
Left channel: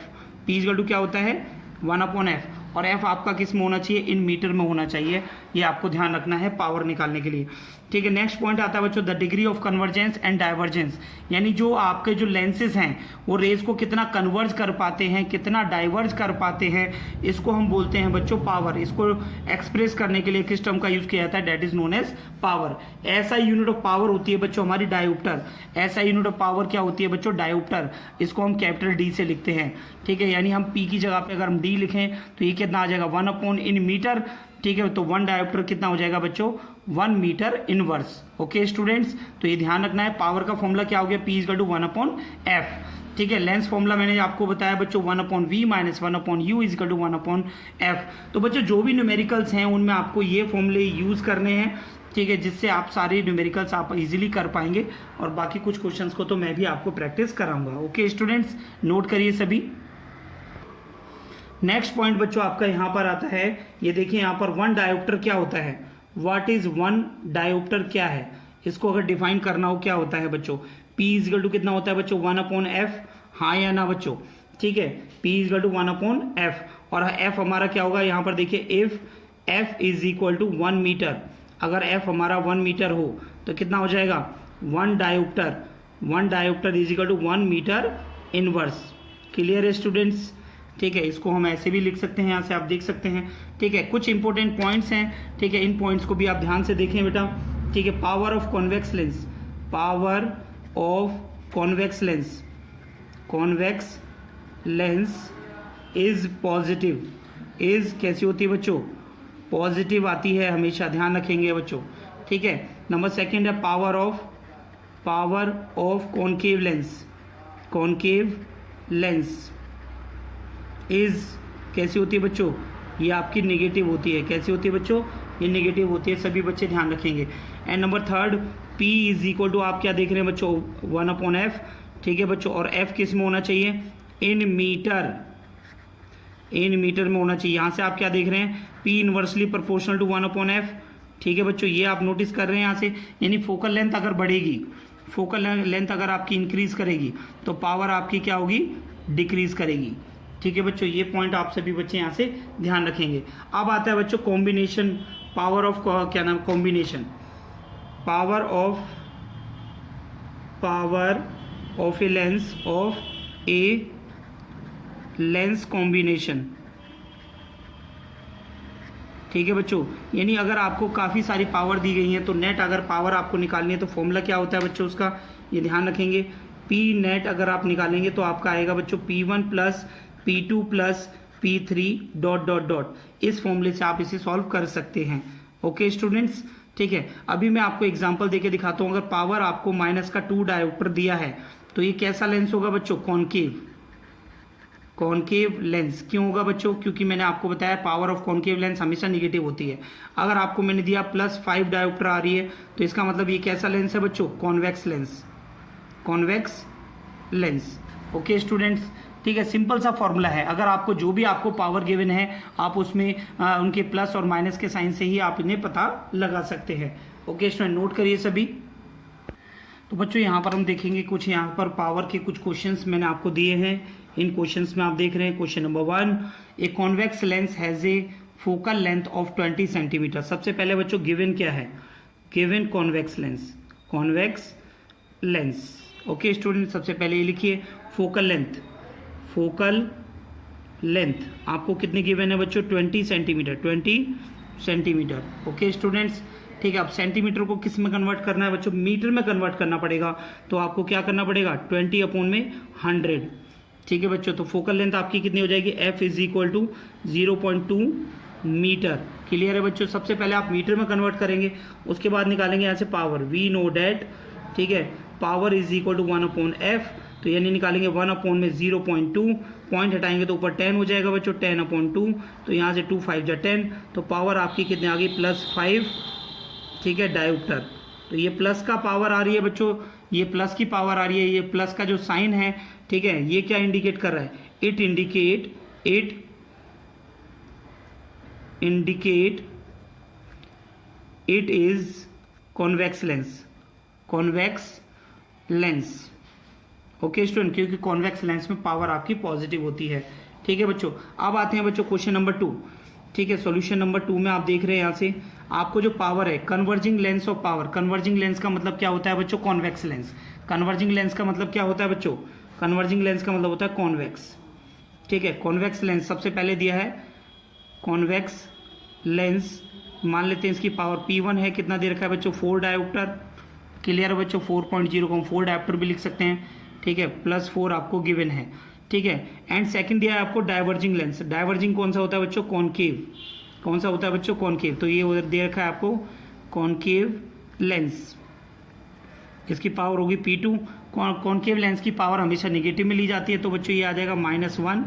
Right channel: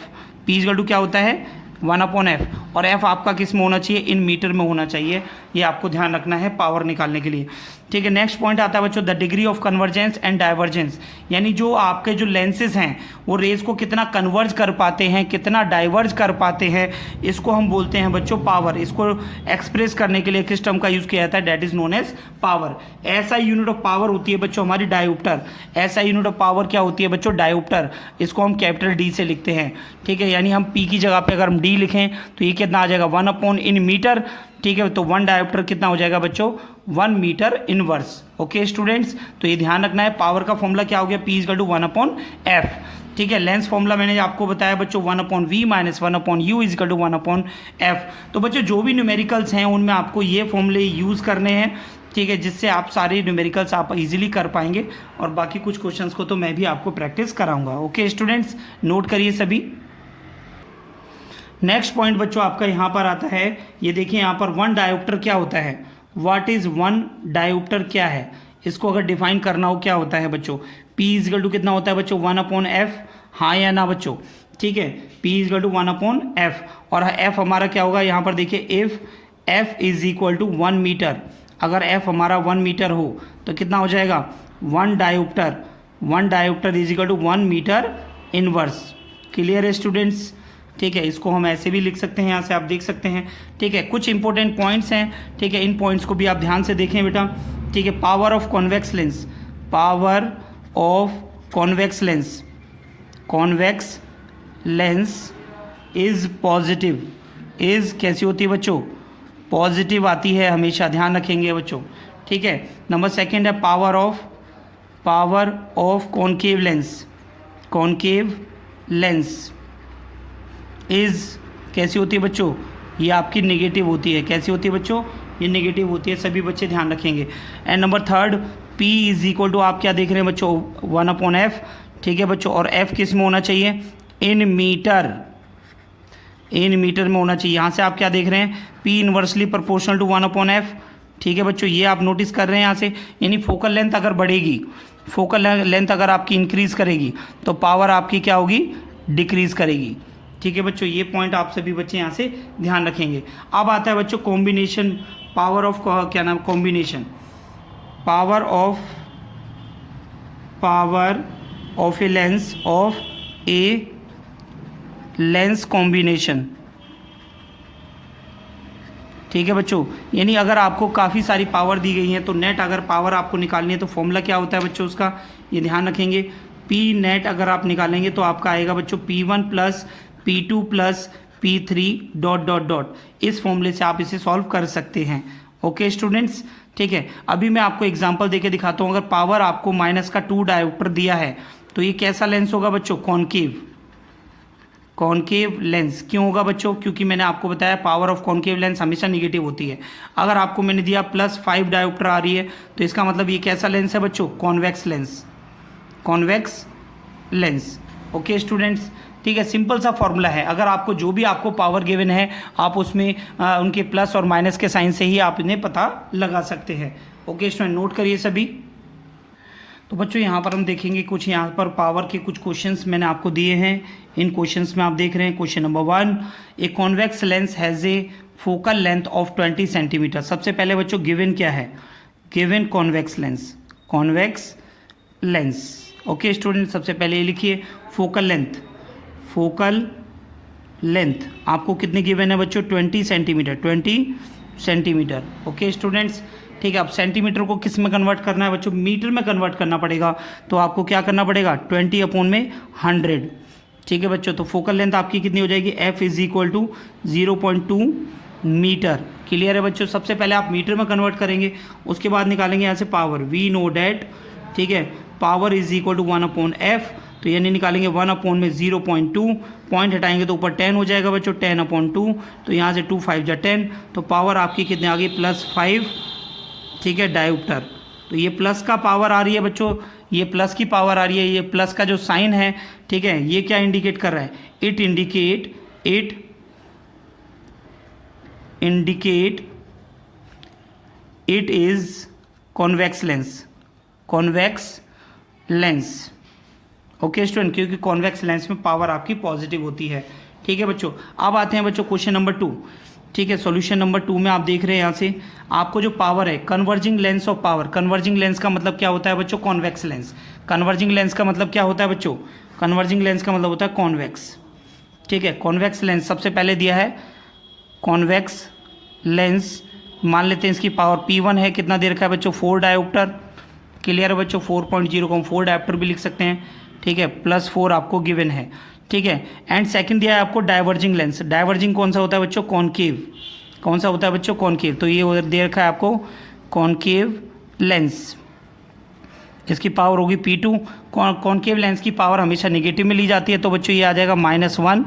P is equal to क्या होता है, 1/f, और f आपका किस में होना चाहिए, इन मीटर में होना चाहिए। ये आपको ध्यान रखना है पावर निकालने के लिए। ठीक है, नेक्स्ट पॉइंट आता है बच्चों the degree of convergence and divergence, यानी जो आपके जो लेंसेज हैं वो रेज को कितना कन्वर्ज कर पाते हैं, कितना डाइवर्ज कर पाते हैं, इसको हम बोलते हैं बच्चों पावर। इसको एक्सप्रेस करने के लिए किस टर्म का यूज किया जाता है, that is known as power. ऐसा यूनिट ऑफ पावर होती है बच्चों हमारी डायोप्टर। ऐसा यूनिट ऑफ पावर क्या होती है बच्चों, डायोप्टर। इसको हम कैपिटल डी से लिखते हैं। ठीक है, यानी हम पी की जगह पे अगर हम डी लिखें तो ये कितना आ जाएगा 1/इन-मीटर। ठीक है, तो 1 डायोप्टर कितना हो जाएगा बच्चों, 1 मीटर इनवर्स। ओके स्टूडेंट्स, तो ये ध्यान रखना है। पावर का फॉर्मूला क्या हो गया, P = 1/f। ठीक है, लेंस फॉर्मूला मैंने आपको बताया बच्चों 1/v - 1/u = 1/f। तो बच्चों जो भी न्यूमेरिकल्स हैं उनमें आपको ये फॉर्मूले यूज़ करने हैं। ठीक है, जिससे आप सारे न्यूमेरिकल्स आप इजीली कर पाएंगे, और बाकी कुछ क्वेश्चंस को तो मैं भी आपको प्रैक्टिस कराऊंगा। ओके स्टूडेंट्स, नोट करिए सभी। नेक्स्ट पॉइंट बच्चों आपका यहाँ पर आता है, ये देखिए यहाँ पर 1 डायोप्टर क्या होता है, व्हाट इज 1 डायोप्टर क्या है, इसको अगर डिफाइन करना हो क्या होता है बच्चों, P = कितना होता है बच्चों 1/f, हाँ या ना बच्चों। ठीक है, P = 1/f, और f हमारा क्या होगा यहाँ पर देखिए, इफ f = 1 मीटर, अगर f हमारा 1 मीटर हो तो कितना हो जाएगा 1 डायोप्टर = 1 मीटर इनवर्स। क्लियर है स्टूडेंट्स। ठीक है, इसको हम ऐसे भी लिख सकते हैं, यहाँ से आप देख सकते हैं। ठीक है, कुछ इंपॉर्टेंट पॉइंट्स हैं। ठीक है, इन पॉइंट्स को भी आप ध्यान से देखें बेटा। ठीक है, power of convex lens, power of convex lens is positive, is कैसी होती है बच्चों, पॉजिटिव आती है हमेशा, ध्यान रखेंगे बच्चों। ठीक है, नंबर सेकंड है power of concave lens is कैसी होती है बच्चों, ये आपकी नेगेटिव होती है। कैसी होती है बच्चों, ये नेगेटिव होती है, सभी बच्चे ध्यान रखेंगे। एंड नंबर थर्ड, P = आप क्या देख रहे हैं बच्चों 1/f। ठीक है बच्चों, और f किस में होना चाहिए, इन मीटर में होना चाहिए। यहाँ से आप क्या देख रहे हैं, P inversely proportional to 1/f। ठीक है बच्चों, ये आप नोटिस कर रहे हैं यहाँ से, यानी फोकल लेंथ अगर बढ़ेगी, फोकल लेंथ अगर आपकी इंक्रीज करेगी तो पावर आपकी क्या होगी, डिक्रीज करेगी। ठीक है बच्चों, ये पॉइंट आप सभी बच्चे यहाँ से ध्यान रखेंगे। अब आता है बच्चों कॉम्बिनेशन, पावर ऑफ क्या नाम, combination, power of a lens combination. ठीक है बच्चों, यानी अगर आपको काफ़ी सारी पावर दी गई है तो नेट अगर पावर आपको निकालनी है तो फॉर्मूला क्या होता है बच्चों उसका, ये ध्यान रखेंगे। P नेट अगर आप निकालेंगे तो आपका आएगा बच्चों P1 + P2 + P3 ... इस फॉर्मूले से आप इसे सॉल्व कर सकते हैं। ओके स्टूडेंट्स, ठीक है। अभी मैं आपको एग्जांपल देके दिखाता हूँ। अगर पावर आपको -2 डायोप्टर दिया है तो ये कैसा लेंस होगा बच्चों, कॉनकेव लेंस। क्यों होगा बच्चों, क्योंकि मैंने आपको बताया पावर ऑफ कॉनकेव लेंस हमेशा निगेटिव होती है। अगर आपको मैंने दिया +5 डायोप्टर आ रही है तो इसका मतलब ये कैसा लेंस है बच्चों, कॉन्वेक्स लेंस। ओके स्टूडेंट्स, ठीक है। सिंपल सा फॉर्मूला है। अगर आपको जो भी आपको पावर गिवन है आप उसमें उनके प्लस और माइनस के साइन से ही आप इन्हें पता लगा सकते हैं। ओके स्टूडेंट, नोट करिए सभी। तो बच्चों यहाँ पर हम देखेंगे कुछ यहाँ पर पावर के कुछ क्वेश्चंस मैंने आपको दिए हैं। इन क्वेश्चंस में आप देख रहे हैं question number 1, a convex lens has a focal length of 20 centimetre. सबसे पहले बच्चों गिवन क्या है, given convex lens. Okay student, सबसे पहले ये लिखिए फोकल लेंथ आपको कितनी गिवन है बच्चों, 20 सेंटीमीटर। ओके स्टूडेंट्स, ठीक है। अब सेंटीमीटर को किस में कन्वर्ट करना है बच्चों, मीटर में कन्वर्ट करना पड़ेगा। तो आपको क्या करना पड़ेगा, 20/100। ठीक है बच्चों, तो फोकल लेंथ आपकी कितनी हो जाएगी, F = 0.2 मीटर। क्लियर है बच्चों। सबसे पहले आप मीटर में कन्वर्ट करेंगे, उसके बाद निकालेंगे यहाँ से पावर, वी नो डैट, ठीक है, पावर = 1/f। तो यानी निकालेंगे 1/0.2, पॉइंट हटाएंगे तो ऊपर 10 हो जाएगा बच्चों, 10/2। तो यहाँ से 2 5 जा 10, तो पावर आपकी कितनी आ गई, +5, ठीक है, डायोप्टर। तो ये प्लस का पावर आ रही है बच्चों, ये प्लस की पावर आ रही है। ये प्लस का जो साइन है, ठीक है, ये क्या इंडिकेट कर रहा है, it indicate it is convex lens. Okay student, क्योंकि कॉन्वेक्स लेंस में पावर आपकी पॉजिटिव होती है। ठीक है बच्चों। अब आते हैं बच्चों क्वेश्चन नंबर 2। ठीक है। सॉल्यूशन नंबर 2 में आप देख रहे हैं यहाँ से आपको जो पावर है, converging lens of power. Converging lens का मतलब क्या होता है बच्चों? Convex lens. कन्वर्जिंग लेंस का मतलब क्या होता है बच्चों? कन्वर्जिंग लेंस का मतलब होता है कॉन्वेक्स। ठीक है, कॉन्वेक्स लेंस सबसे पहले दिया है। कॉन्वेक्स लेंस मान लेते हैं इसकी पावर P1 है, कितना दे रखा है बच्चों? 4 डायोप्टर। क्लियर है बच्चों? 4.0 को हम 4 डायोप्टर भी लिख सकते हैं। ठीक है, +4 आपको गिवन है। ठीक है, एंड सेकंड दिया है आपको डाइवर्जिंग लेंस। डाइवर्जिंग कौन सा होता है बच्चों? कॉनकेव। कौन सा होता है बच्चों? कॉनकेव। तो ये उधर दे रखा है आपको कॉनकेव लेंस, इसकी पावर होगी P2। कॉनकेव लेंस की पावर हमेशा नेगेटिव में ली जाती है, तो बच्चों ये आ जाएगा -1।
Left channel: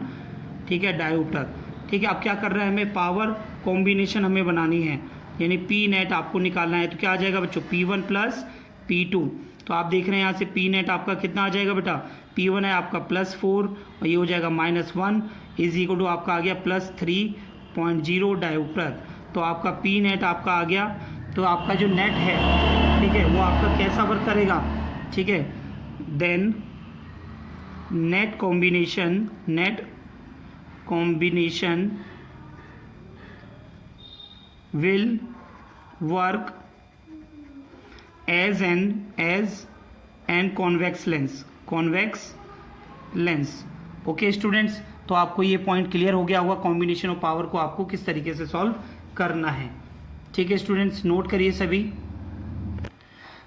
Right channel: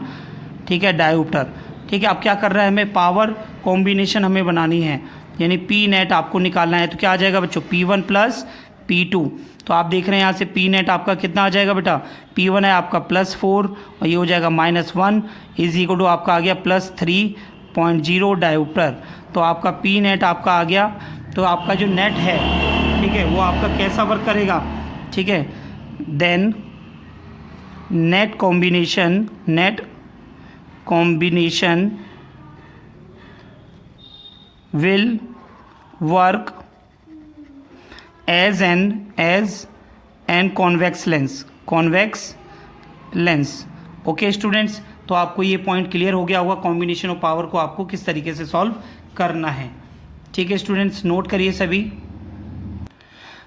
ठीक है, डायोप्टर। ठीक है, अब क्या कर रहा है? हमें पावर कॉम्बिनेशन हमें बनानी है, यानी P नेट आपको निकालना है। तो क्या आ जाएगा बच्चों? P1 + P2। तो आप देख रहे हैं यहाँ से P नेट आपका कितना आ जाएगा बेटा? P1 है आपका +4 और ये हो जाएगा -1 = आपका आ गया +3.0 डायोप्टर। तो आपका P नेट आपका आ गया। तो आपका जो नेट है, ठीक है, वो आपका कैसा वर्क करेगा? ठीक है, then net combination will work as an convex lens. Okay students, तो आपको ये पॉइंट क्लियर हो गया होगा कॉम्बिनेशन ऑफ पावर को आपको किस तरीके से सॉल्व करना है। ठीक है स्टूडेंट्स, नोट करिए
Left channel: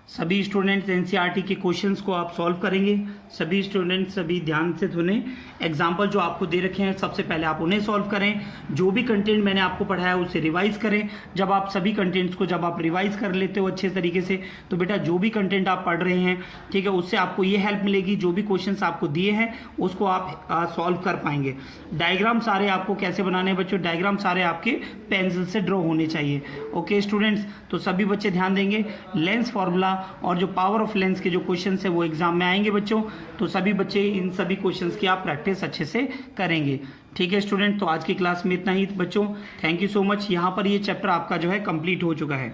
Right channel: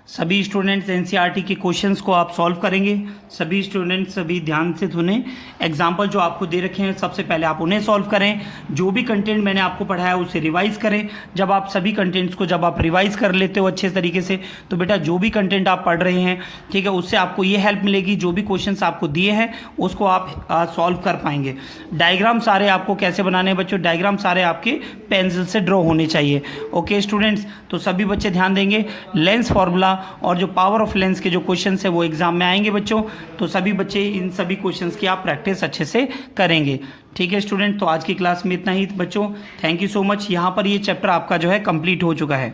सभी स्टूडेंट्स एनसीईआरटी के क्वेश्चंस को आप सॉल्व करेंगे। सभी स्टूडेंट्स सभी ध्यान से सुने। एग्जाम्पल जो आपको दे रखे हैं सबसे पहले आप उन्हें सॉल्व करें। जो भी कंटेंट मैंने आपको पढ़ाया उसे रिवाइज करें। जब आप सभी कंटेंट्स को जब आप रिवाइज कर लेते हो अच्छे तरीके से, तो बेटा जो भी कंटेंट आप पढ़ रहे हैं, ठीक है, उससे आपको ये हेल्प मिलेगी, जो भी क्वेश्चंस आपको दिए हैं उसको आप सॉल्व कर पाएंगे। डायग्राम सारे आपको कैसे बनाने हैं बच्चों? डायग्राम सारे आपके पेंसिल से ड्रॉ होने चाहिए। ओके स्टूडेंट्स, तो सभी बच्चे ध्यान देंगे। लेंस फॉर्मूला और जो पावर ऑफ लेंस के जो क्वेश्चंस है वो एग्जाम में आएंगे बच्चों, तो सभी बच्चे इन सभी क्वेश्चंस की आप प्रैक्टिस अच्छे से करेंगे। ठीक है स्टूडेंट, तो आज की क्लास में इतना ही बच्चों। Thank you so much. यहाँ पर ये चैप्टर आपका जो है कंप्लीट हो चुका है।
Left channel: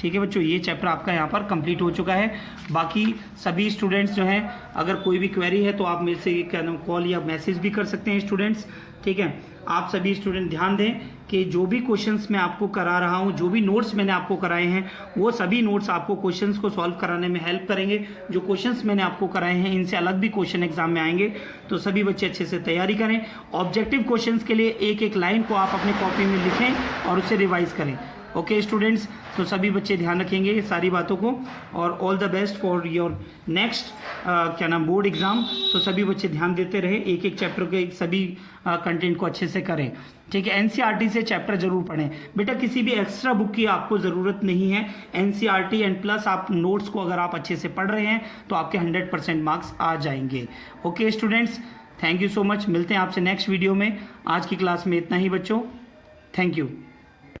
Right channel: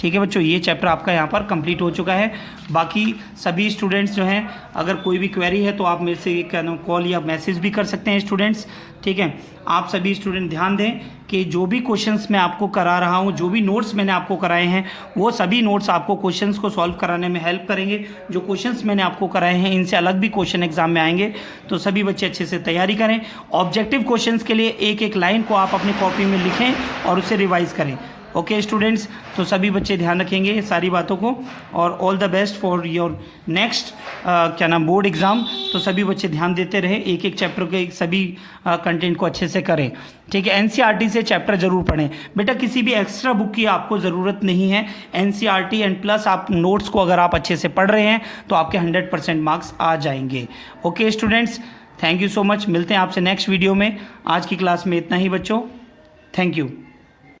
ठीक है बच्चों, ये चैप्टर आपका यहाँ पर कंप्लीट हो चुका है। बाकी सभी स्टूडेंट्स जो हैं, अगर कोई भी क्वेरी है तो आप मेरे से कॉल या मैसेज भी कर सकते हैं स्टूडेंट्स। ठीक है, आप सभी स्टूडेंट ध्यान दें कि जो भी क्वेश्चंस मैं आपको करा रहा हूँ, जो भी नोट्स मैंने आपको कराए हैं, वो सभी नोट्स आपको क्वेश्चंस को सॉल्व कराने में हेल्प करेंगे। जो क्वेश्चंस मैंने आपको कराए हैं इनसे अलग भी क्वेश्चन एग्जाम में आएंगे, तो सभी बच्चे अच्छे से तैयारी करें। ऑब्जेक्टिव क्वेश्चंस के लिए एक एक लाइन को आप अपनी कॉपी में लिखें और उसे रिवाइज करें। ओके स्टूडेंट्स, तो सभी बच्चे ध्यान रखेंगे ये सारी बातों को, और all the best for your next board exam. तो सभी बच्चे ध्यान देते रहे, एक एक चैप्टर के सभी कंटेंट को अच्छे से करें। ठीक है, एनसीईआरटी से चैप्टर जरूर पढ़ें बेटा, किसी भी एक्स्ट्रा बुक की आपको ज़रूरत नहीं है। एनसीईआरटी एंड प्लस आप नोट्स को अगर आप अच्छे से पढ़ रहे हैं तो आपके 100% मार्क्स आ जाएंगे। Okay students, thank you so much. मिलते हैं आपसे नेक्स्ट वीडियो में। आज की क्लास में इतना ही बच्चों, थैंक यू।